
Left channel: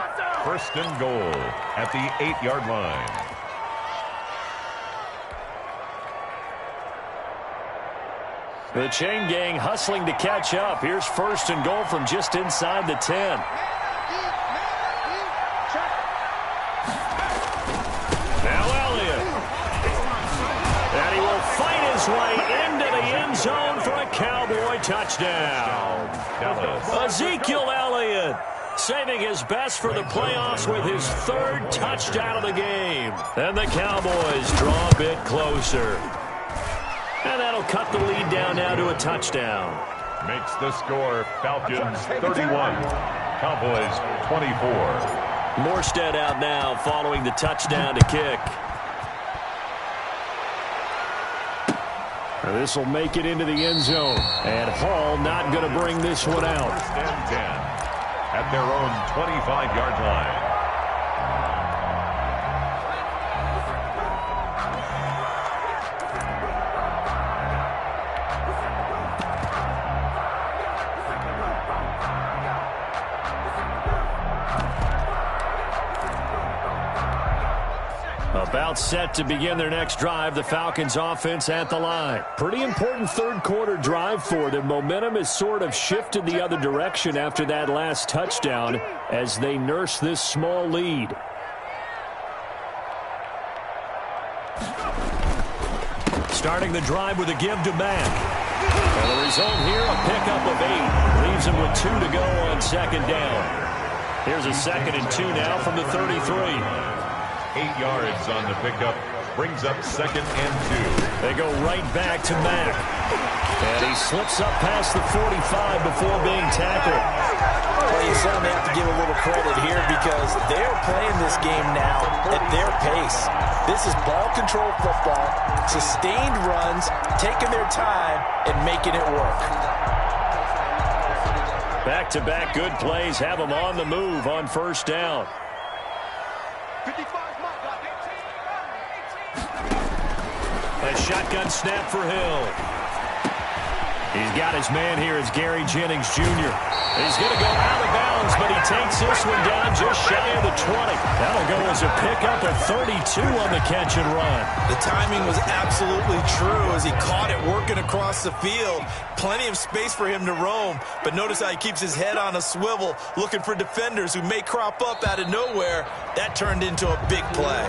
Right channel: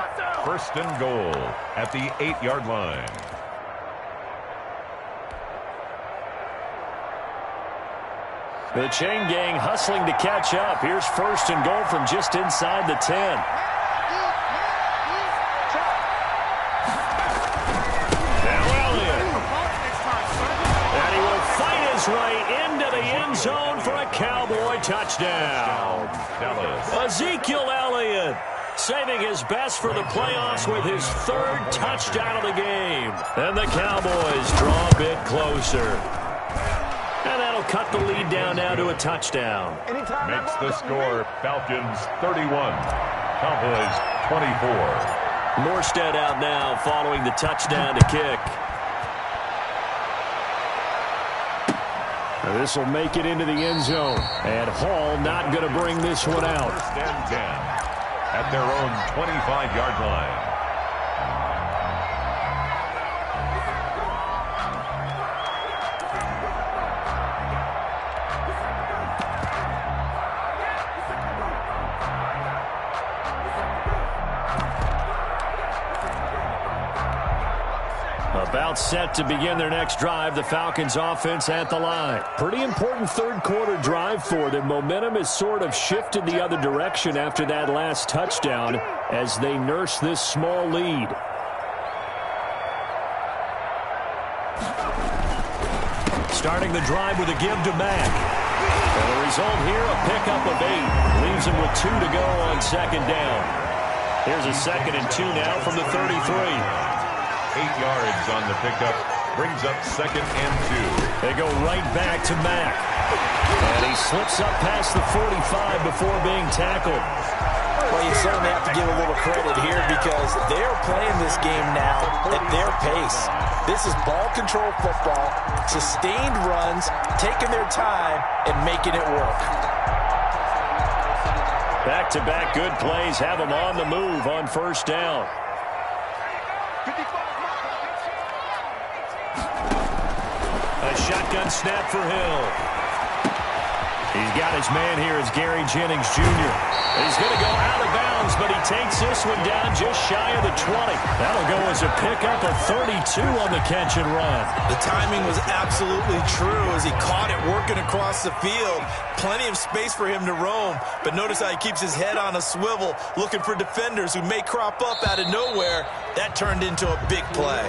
1st and goal at the 8-yard line. The chain gang hustling to catch up. Here's 1st and goal from just inside the 10. Way into the end zone for a Cowboy touchdown. Ezekiel Elliott saving his best for the playoffs with his 3rd touchdown of the game. And the Cowboys draw a bit closer. And that'll cut the lead down now to a touchdown. Makes the score Falcons 31, Cowboys 24. Morstead out now following the touchdown to kick. This will make it into the end zone. And Hall not going to bring this one out. First and 10 at their own 25-yard line. About set to begin their next drive. The Falcons offense at the line. Pretty important third quarter drive for them. Momentum has sort of shifted the other direction after that last touchdown as they nurse this small lead. Starting the drive with a give to Mack. And the result here, a pickup of 8. Leaves him with 2 to go on second down. Here's a 2nd and 2 now from the 33. 8 yards on the pickup, brings up 2nd and 2. They go right back to Mack. And he slips up past the 45 before being tackled. Well, you certainly have to give a little credit here because they're playing this game now at their pace. This is ball control football, sustained runs, taking their time, and making it work. Back-to-back good plays have them on the move on first down. 55. A shotgun snap for Hill. He's got his man here as Gary Jennings Jr. He's going to go out of bounds, but he takes this one down just shy of the 20. That'll go as a pickup of 32 on the catch and run. The timing was absolutely true as he caught it working across the field. Plenty of space for him to roam, but notice how he keeps his head on a swivel looking for defenders who may crop up out of nowhere. That turned into a big play.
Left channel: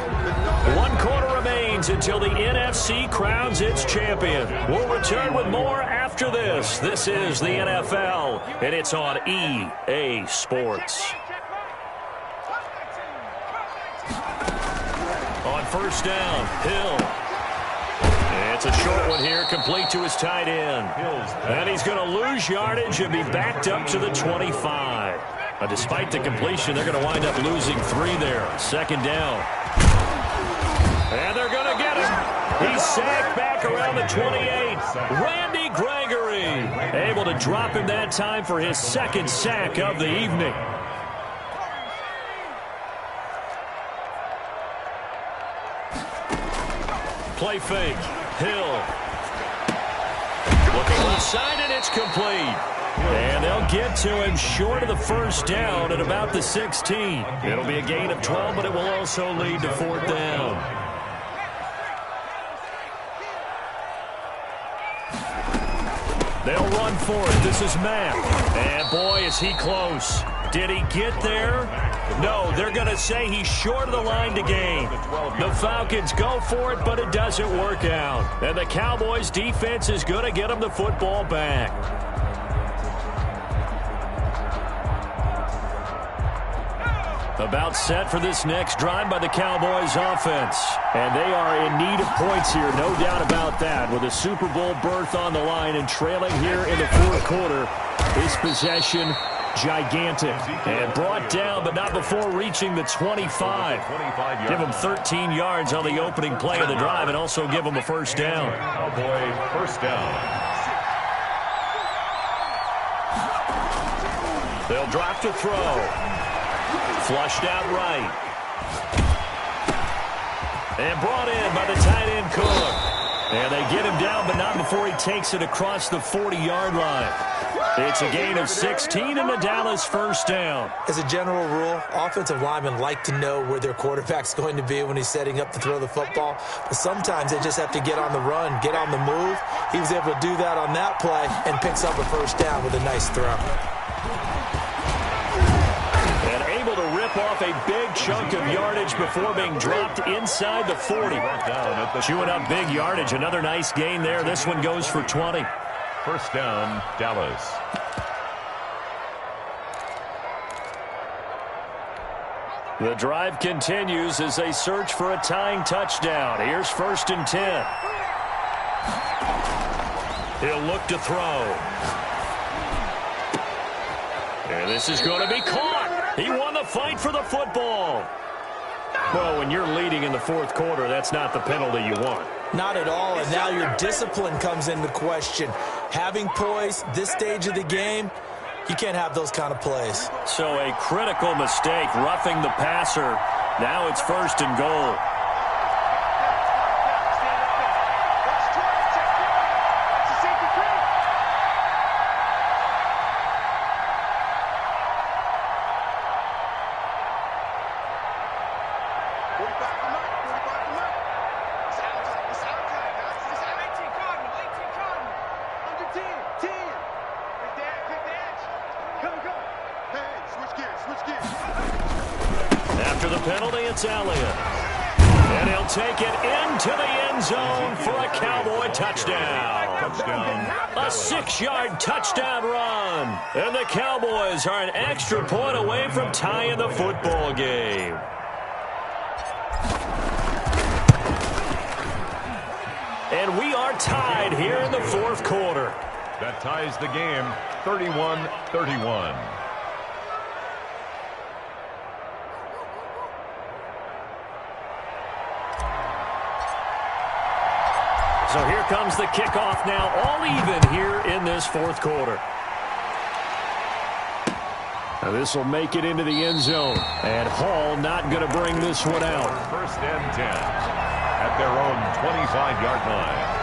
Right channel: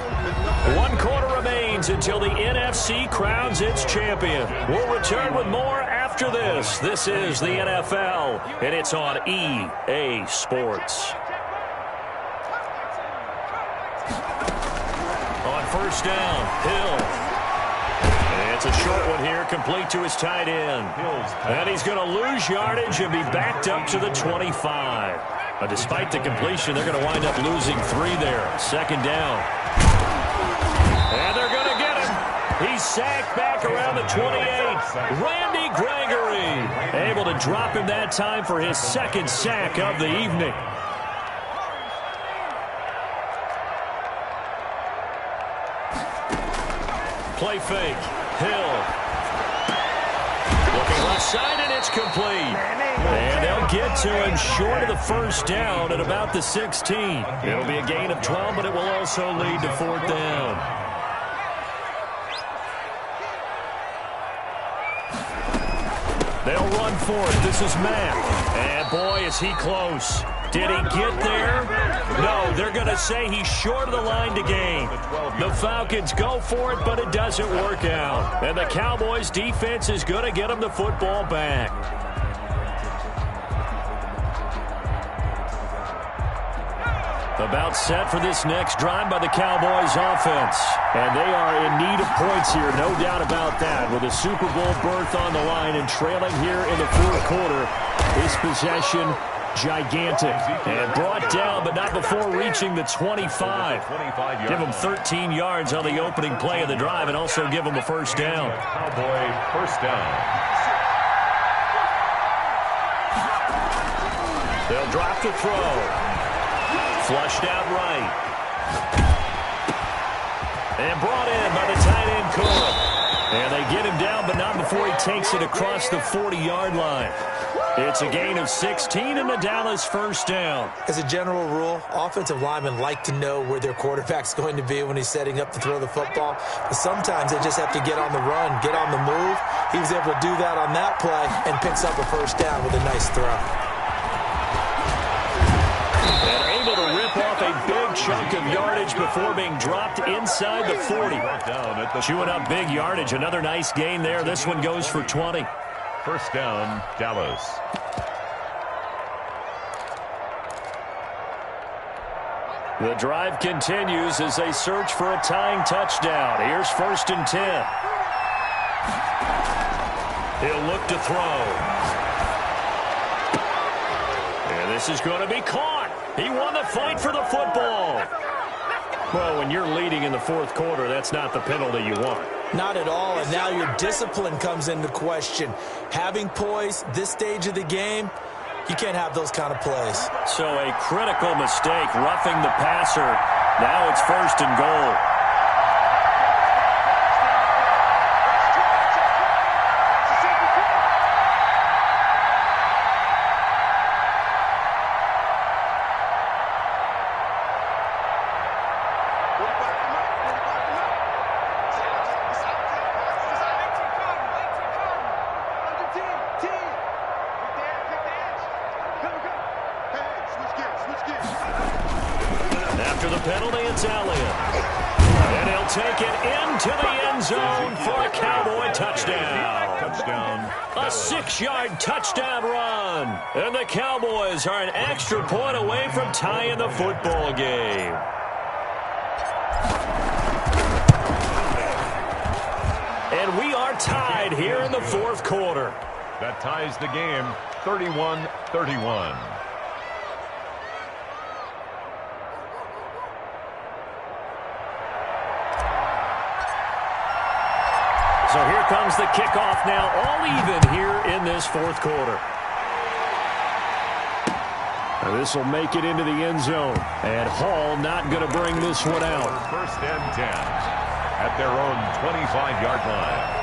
1 quarter remains until the NFC crowns its champion. We'll return with more after this. This is the NFL, and it's on EA Sports. On first down, Hill. It's a short one here, complete to his tight end. And he's going to lose yardage and be backed up to the 25. But despite the completion, they're going to wind up losing 3 there. Second down. And they're going to get him. He's sacked back around the 28. Randy Gregory able to drop him that time for his 2nd sack of the evening. Play fake. Hill. Looking left side, and it's complete. And they'll get to him short of the first down at about the 16. It'll be a gain of 12, but it will also lead to 4th down. They'll run for it. This is Mack. And boy, is he close. Did he get there? No, they're going to say he's short of the line to gain. The Falcons go for it, but it doesn't work out. And the Cowboys' defense is going to get them the football back. About set for this next drive by the Cowboys offense. And they are in need of points here, no doubt about that. With a Super Bowl berth on the line and trailing here in the 4th quarter, this possession gigantic. And brought down, but not before reaching the 25. Give them 13 yards on the opening play of the drive and also give them a first down. Cowboy first down. They'll drop to throw. Flushed out right. And brought in by the tight end Cook. And they get him down, but not before he takes it across the 40-yard line. It's a gain of 16 and the Dallas first down. As a general rule, offensive linemen like to know where their quarterback's going to be when he's setting up to throw the football. But sometimes they just have to get on the run, get on the move. He was able to do that on that play and picks up a first down with a nice throw. And able to rip off a big chunk of yardage before being dropped inside the 40. Chewing up big yardage. Another nice gain there. This one goes for 20. First down, Dallas. The drive continues as they search for a tying touchdown. Here's 1st and 10. He'll look to throw. And this is going to be caught. He won the fight for the football. Well, when you're leading in the fourth quarter, that's not the penalty you want. Not at all, and now your discipline comes into question. Having poise this stage of the game, you can't have those kind of plays. So a critical mistake, roughing the passer. Now it's 1st and goal. After the penalty, it's Elliott. And he'll take it into the end zone for a Cowboy touchdown. A 6-yard touchdown run. And the Cowboys are an extra point away from tying the football game. And we are tied here in the fourth quarter. That ties the game 31-31. So here comes the kickoff now, all even here in this fourth quarter. Now this will make it into the end zone. And Hall not going to bring this one out. 1st and 10 at their own 25-yard line.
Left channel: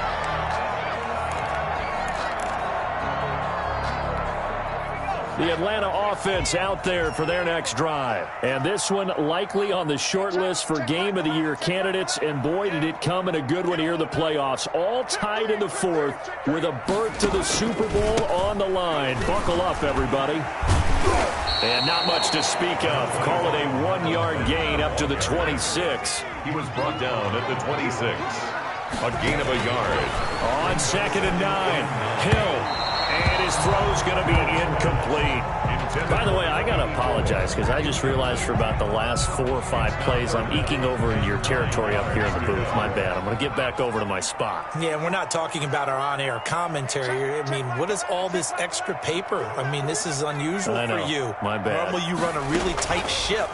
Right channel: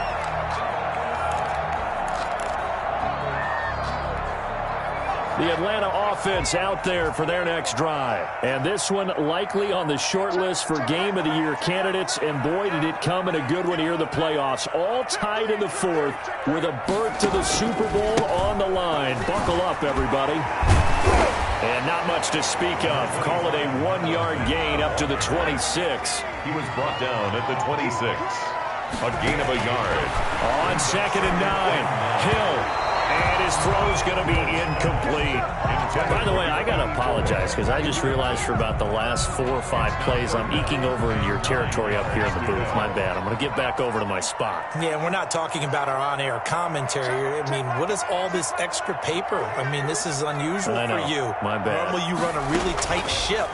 The Atlanta offense out there for their next drive. And this one likely on the short list for Game of the Year candidates. And boy, did it come in a good one here in the playoffs. All tied in the fourth with a berth to the Super Bowl on the line. Buckle up, everybody. And not much to speak of. Call it a 1-yard gain up to the 26. He was brought down at the 26. A gain of a yard. On 2nd and 9, Hill. And his throw's going to be incomplete. By the way, I got to apologize because I just realized for about the last 4 or 5 plays I'm eking over into your territory up here in the booth. My bad. I'm going to get back over to my spot. Yeah, we're not talking about our on-air commentary. I mean, what is all this extra paper? I mean, this is unusual for you. My bad. Normally you run a really tight ship.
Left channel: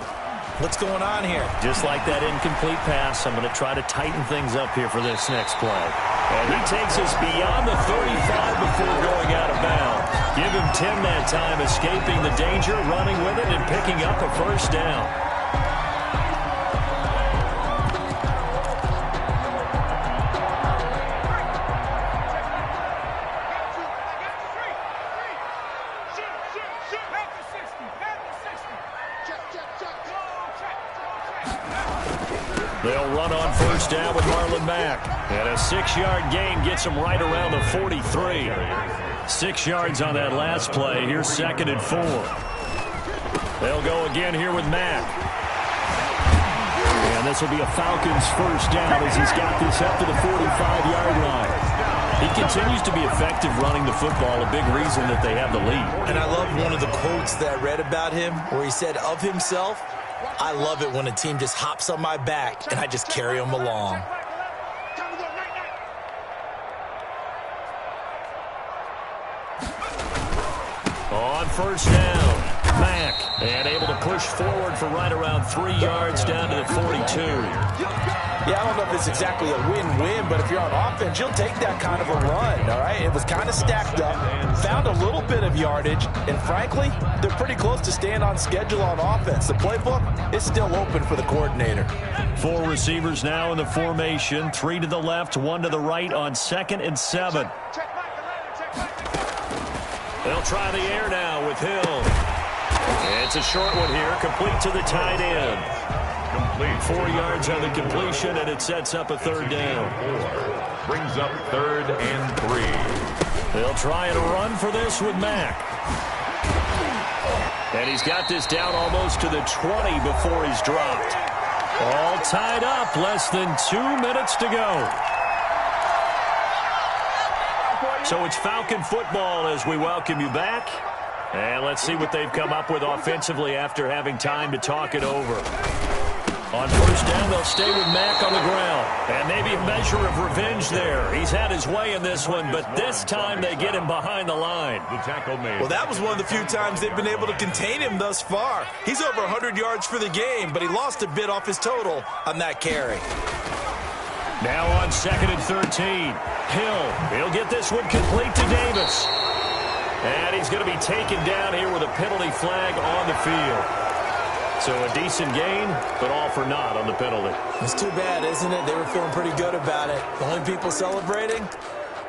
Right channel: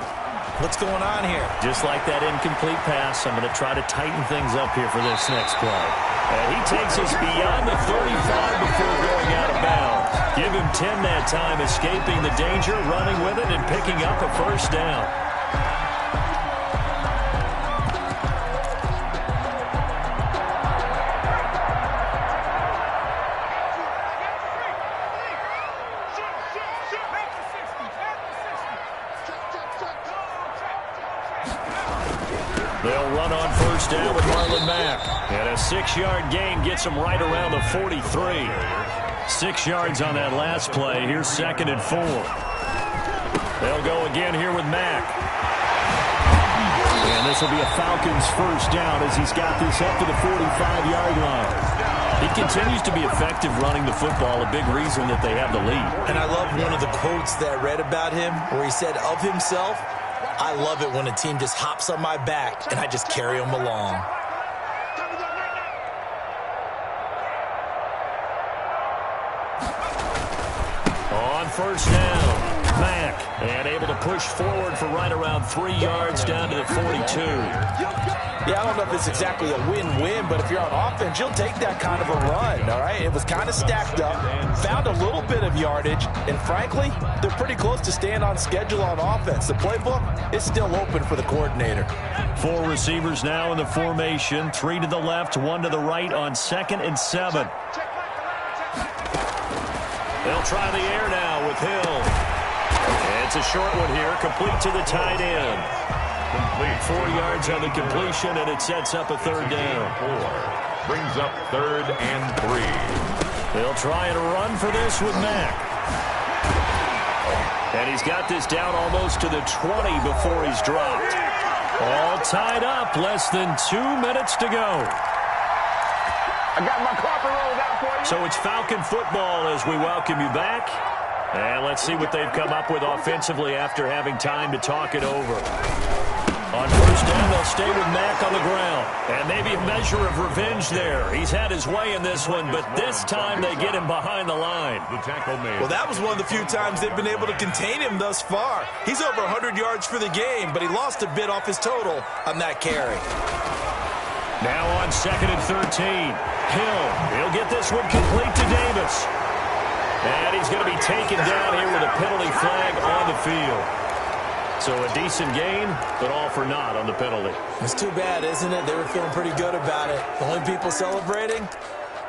What's going on here? Just like that incomplete pass, I'm going to try to tighten things up here for this next play. And he takes us beyond the 35 before going out of bounds. Give him 10 that time, escaping the danger, running with it, and picking up a 1st down. They'll run on 1st down with Marlon Mack. And a 6-yard gain gets him right around the 43. 6 yards on that last play. Here's 2nd and 4. They'll go again here with Mack. And this will be a Falcons 1st down as he's got this up to the 45-yard line. He continues to be effective running the football, a big reason that they have the lead. And I love one of the quotes that I read about him where he said of himself, I love it when a team just hops on my back and I just carry them along. On 1st down, Mack, and able to push forward for right around 3 yards down to the 42. Yeah, I don't know if it's exactly a win-win, but if you're on offense, you'll take that kind of a run, all right? It was kind of stacked up, found a little bit of yardage, and frankly, they're pretty close to staying on schedule on offense. The playbook is still open for the coordinator. 4 receivers now in the formation, 3 to the left, 1 to the right on 2nd and 7. They'll try the air now with Hill. It's a short one here, complete to the tight end. Complete. 4 yards on the completion, and it sets up a 3rd down. 4 brings up 3rd and 3. They'll try and run for this with Mack. And he's got this down almost to the 20 before he's dropped. All tied up, less than 2 minutes to go. So it's Falcon football as we welcome you back. And let's see what they've come up with offensively after having time to talk it over. On first down, they'll stay with Mack on the ground. And maybe a measure of revenge there. He's had his way in this one, but this time they get him behind the line. The tackle made. Well, that was one of the few times they've been able to contain him thus far. He's over 100 yards for the game, but he lost a bit off his total on that carry. Now on 2nd and 13. Hill, he'll get this one complete to Davis. And he's going to be taken down here with a penalty flag on the field. So a decent gain, but all for naught on the penalty. It's too bad, isn't it? They were feeling pretty good about it. The only people celebrating,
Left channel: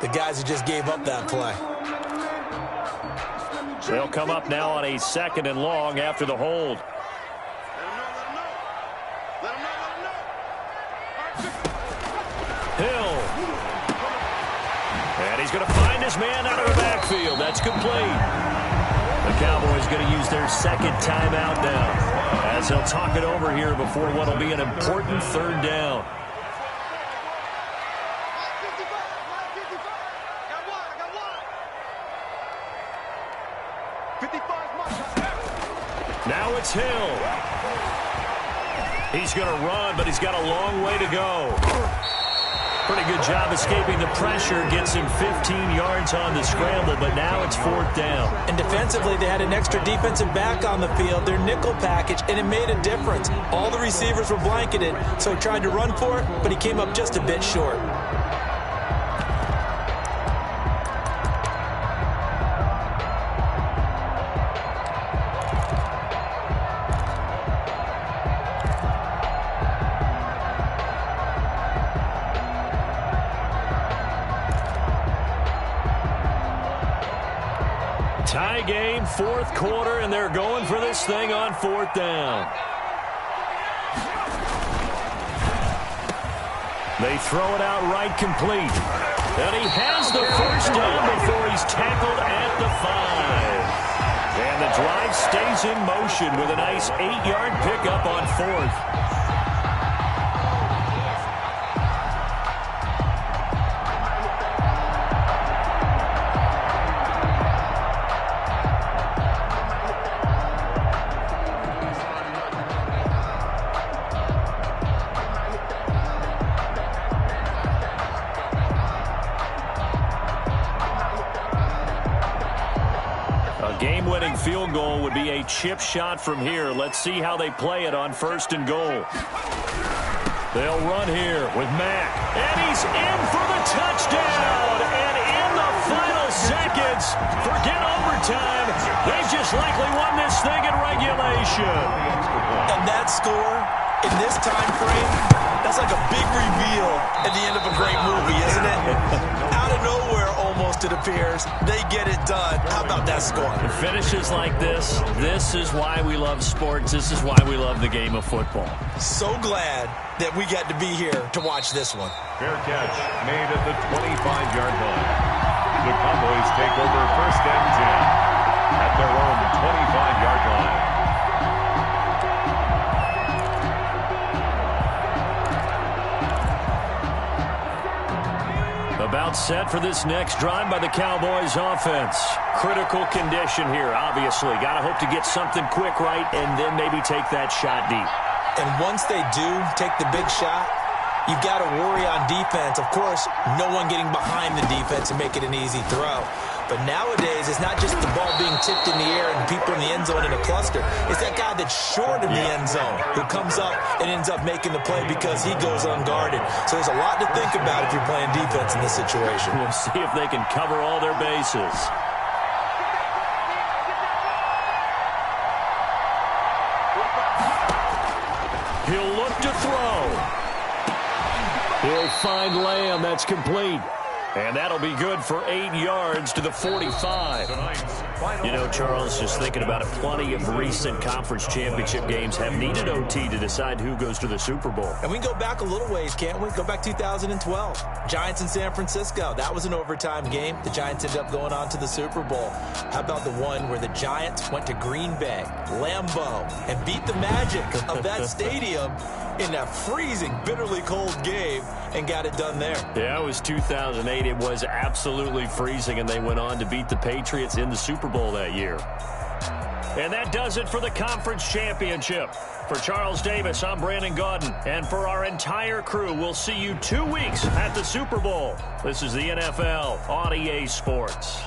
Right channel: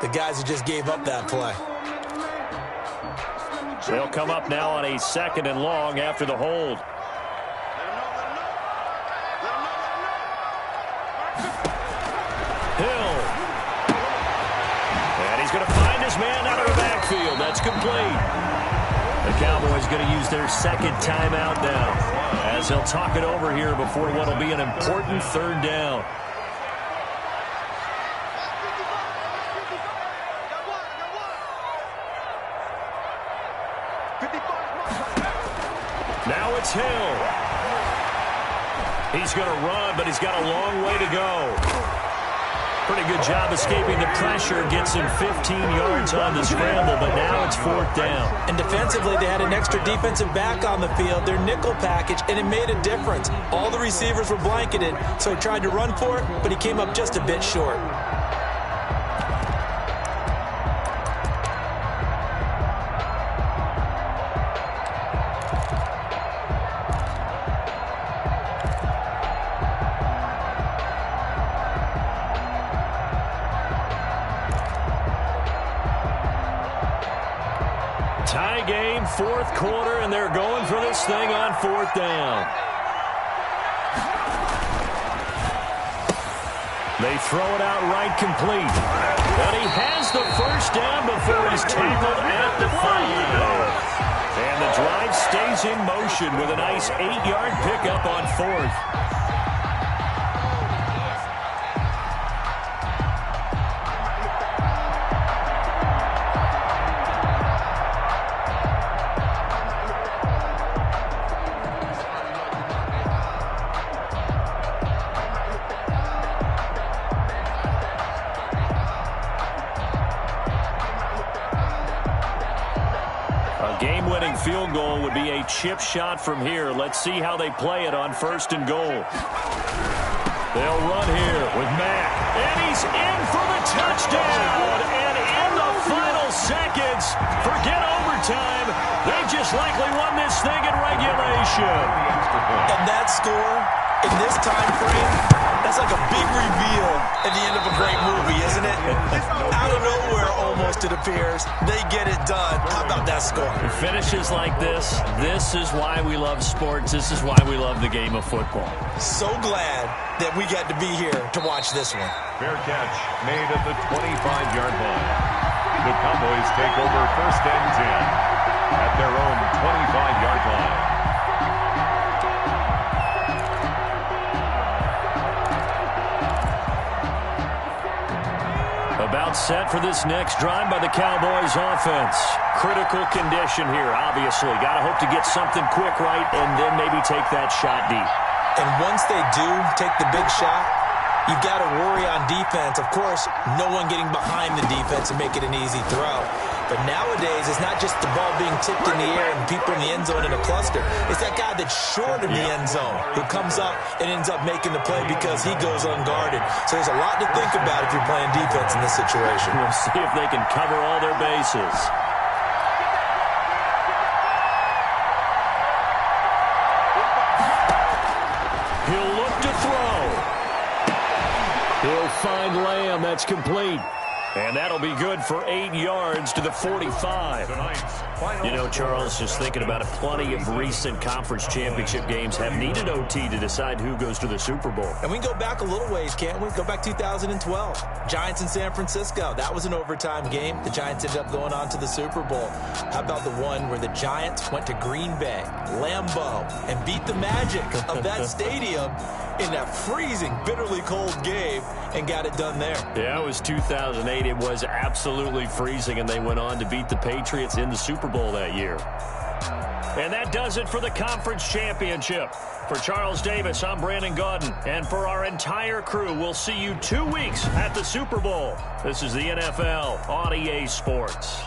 the guys who just gave up that play. They'll come up now on a 2nd and long after the hold. Hill. And he's going to find his man out of the backfield. That's complete. The Cowboys going to use their second timeout now, as he'll talk it over here before what will be an important 3rd down. Now it's Hill. He's going to run, but he's got a long way to go. Pretty good job escaping the pressure. Gets him 15 yards on the scramble, but now it's 4th down. And defensively, they had an extra defensive back on the field, their nickel package, and it made a difference. All the receivers were blanketed, so he tried to run for it, but he came up just a bit short. Tie game, 4th quarter, and they're going for this thing on 4th down. They throw it out right complete. And he has the first down before he's tackled at the 5. And the drive stays in motion with a nice 8-yard pickup on 4th. Game-winning field goal would be a chip shot from here. Let's see how they play it on 1st and goal. They'll run here with Mack. And he's in for the touchdown. And in the final seconds, forget overtime. They've just likely won this thing in regulation. And that score in this time frame, that's like a big reveal at the end of a great movie, isn't it? Out of nowhere, almost, it appears. They get it done. How about that score? Finishes like this. This is why we love sports. This is why we love the game of football. So glad that we got to be here to watch this one. Fair catch made at the 25-yard line. The Cowboys take over 1st and 10 at their own 25-yard line. About set for this next drive by the Cowboys offense. Critical condition here, obviously. Got to hope to get something quick right and then maybe take that shot deep. And once they do take the big shot, you've got to worry on defense. Of course, no one getting behind the defense and make it an easy throw. But nowadays, it's not just the ball being tipped in the air and people in the end zone in a cluster. It's that guy that's short of the end zone who comes up and ends up making the play because he goes unguarded. So there's a lot to think about if you're playing defense in this situation. We'll see if they can cover all their bases. He'll look to throw. He'll find Lamb. That's complete. And that'll be good for 8 yards to the 45. You know, Charles, just thinking about it, plenty of recent conference championship games have needed OT to decide who goes to the Super Bowl. And we can go back a little ways, can't we? Go back 2012. Giants in San Francisco. That was an overtime game. The Giants ended up going on to the Super Bowl. How about the one where the Giants went to Green Bay, Lambeau, and beat the magic of that stadium in that freezing, bitterly cold game and got it done there? Yeah, it was 2008. It was absolutely freezing, and they went on to beat the Patriots in the Super Bowl that year. And that does it for the conference championship. For Charles Davis, I'm Brandon Gaudin. And for our entire crew, we'll see you 2 weeks at the Super Bowl. This is the NFL on EA Sports.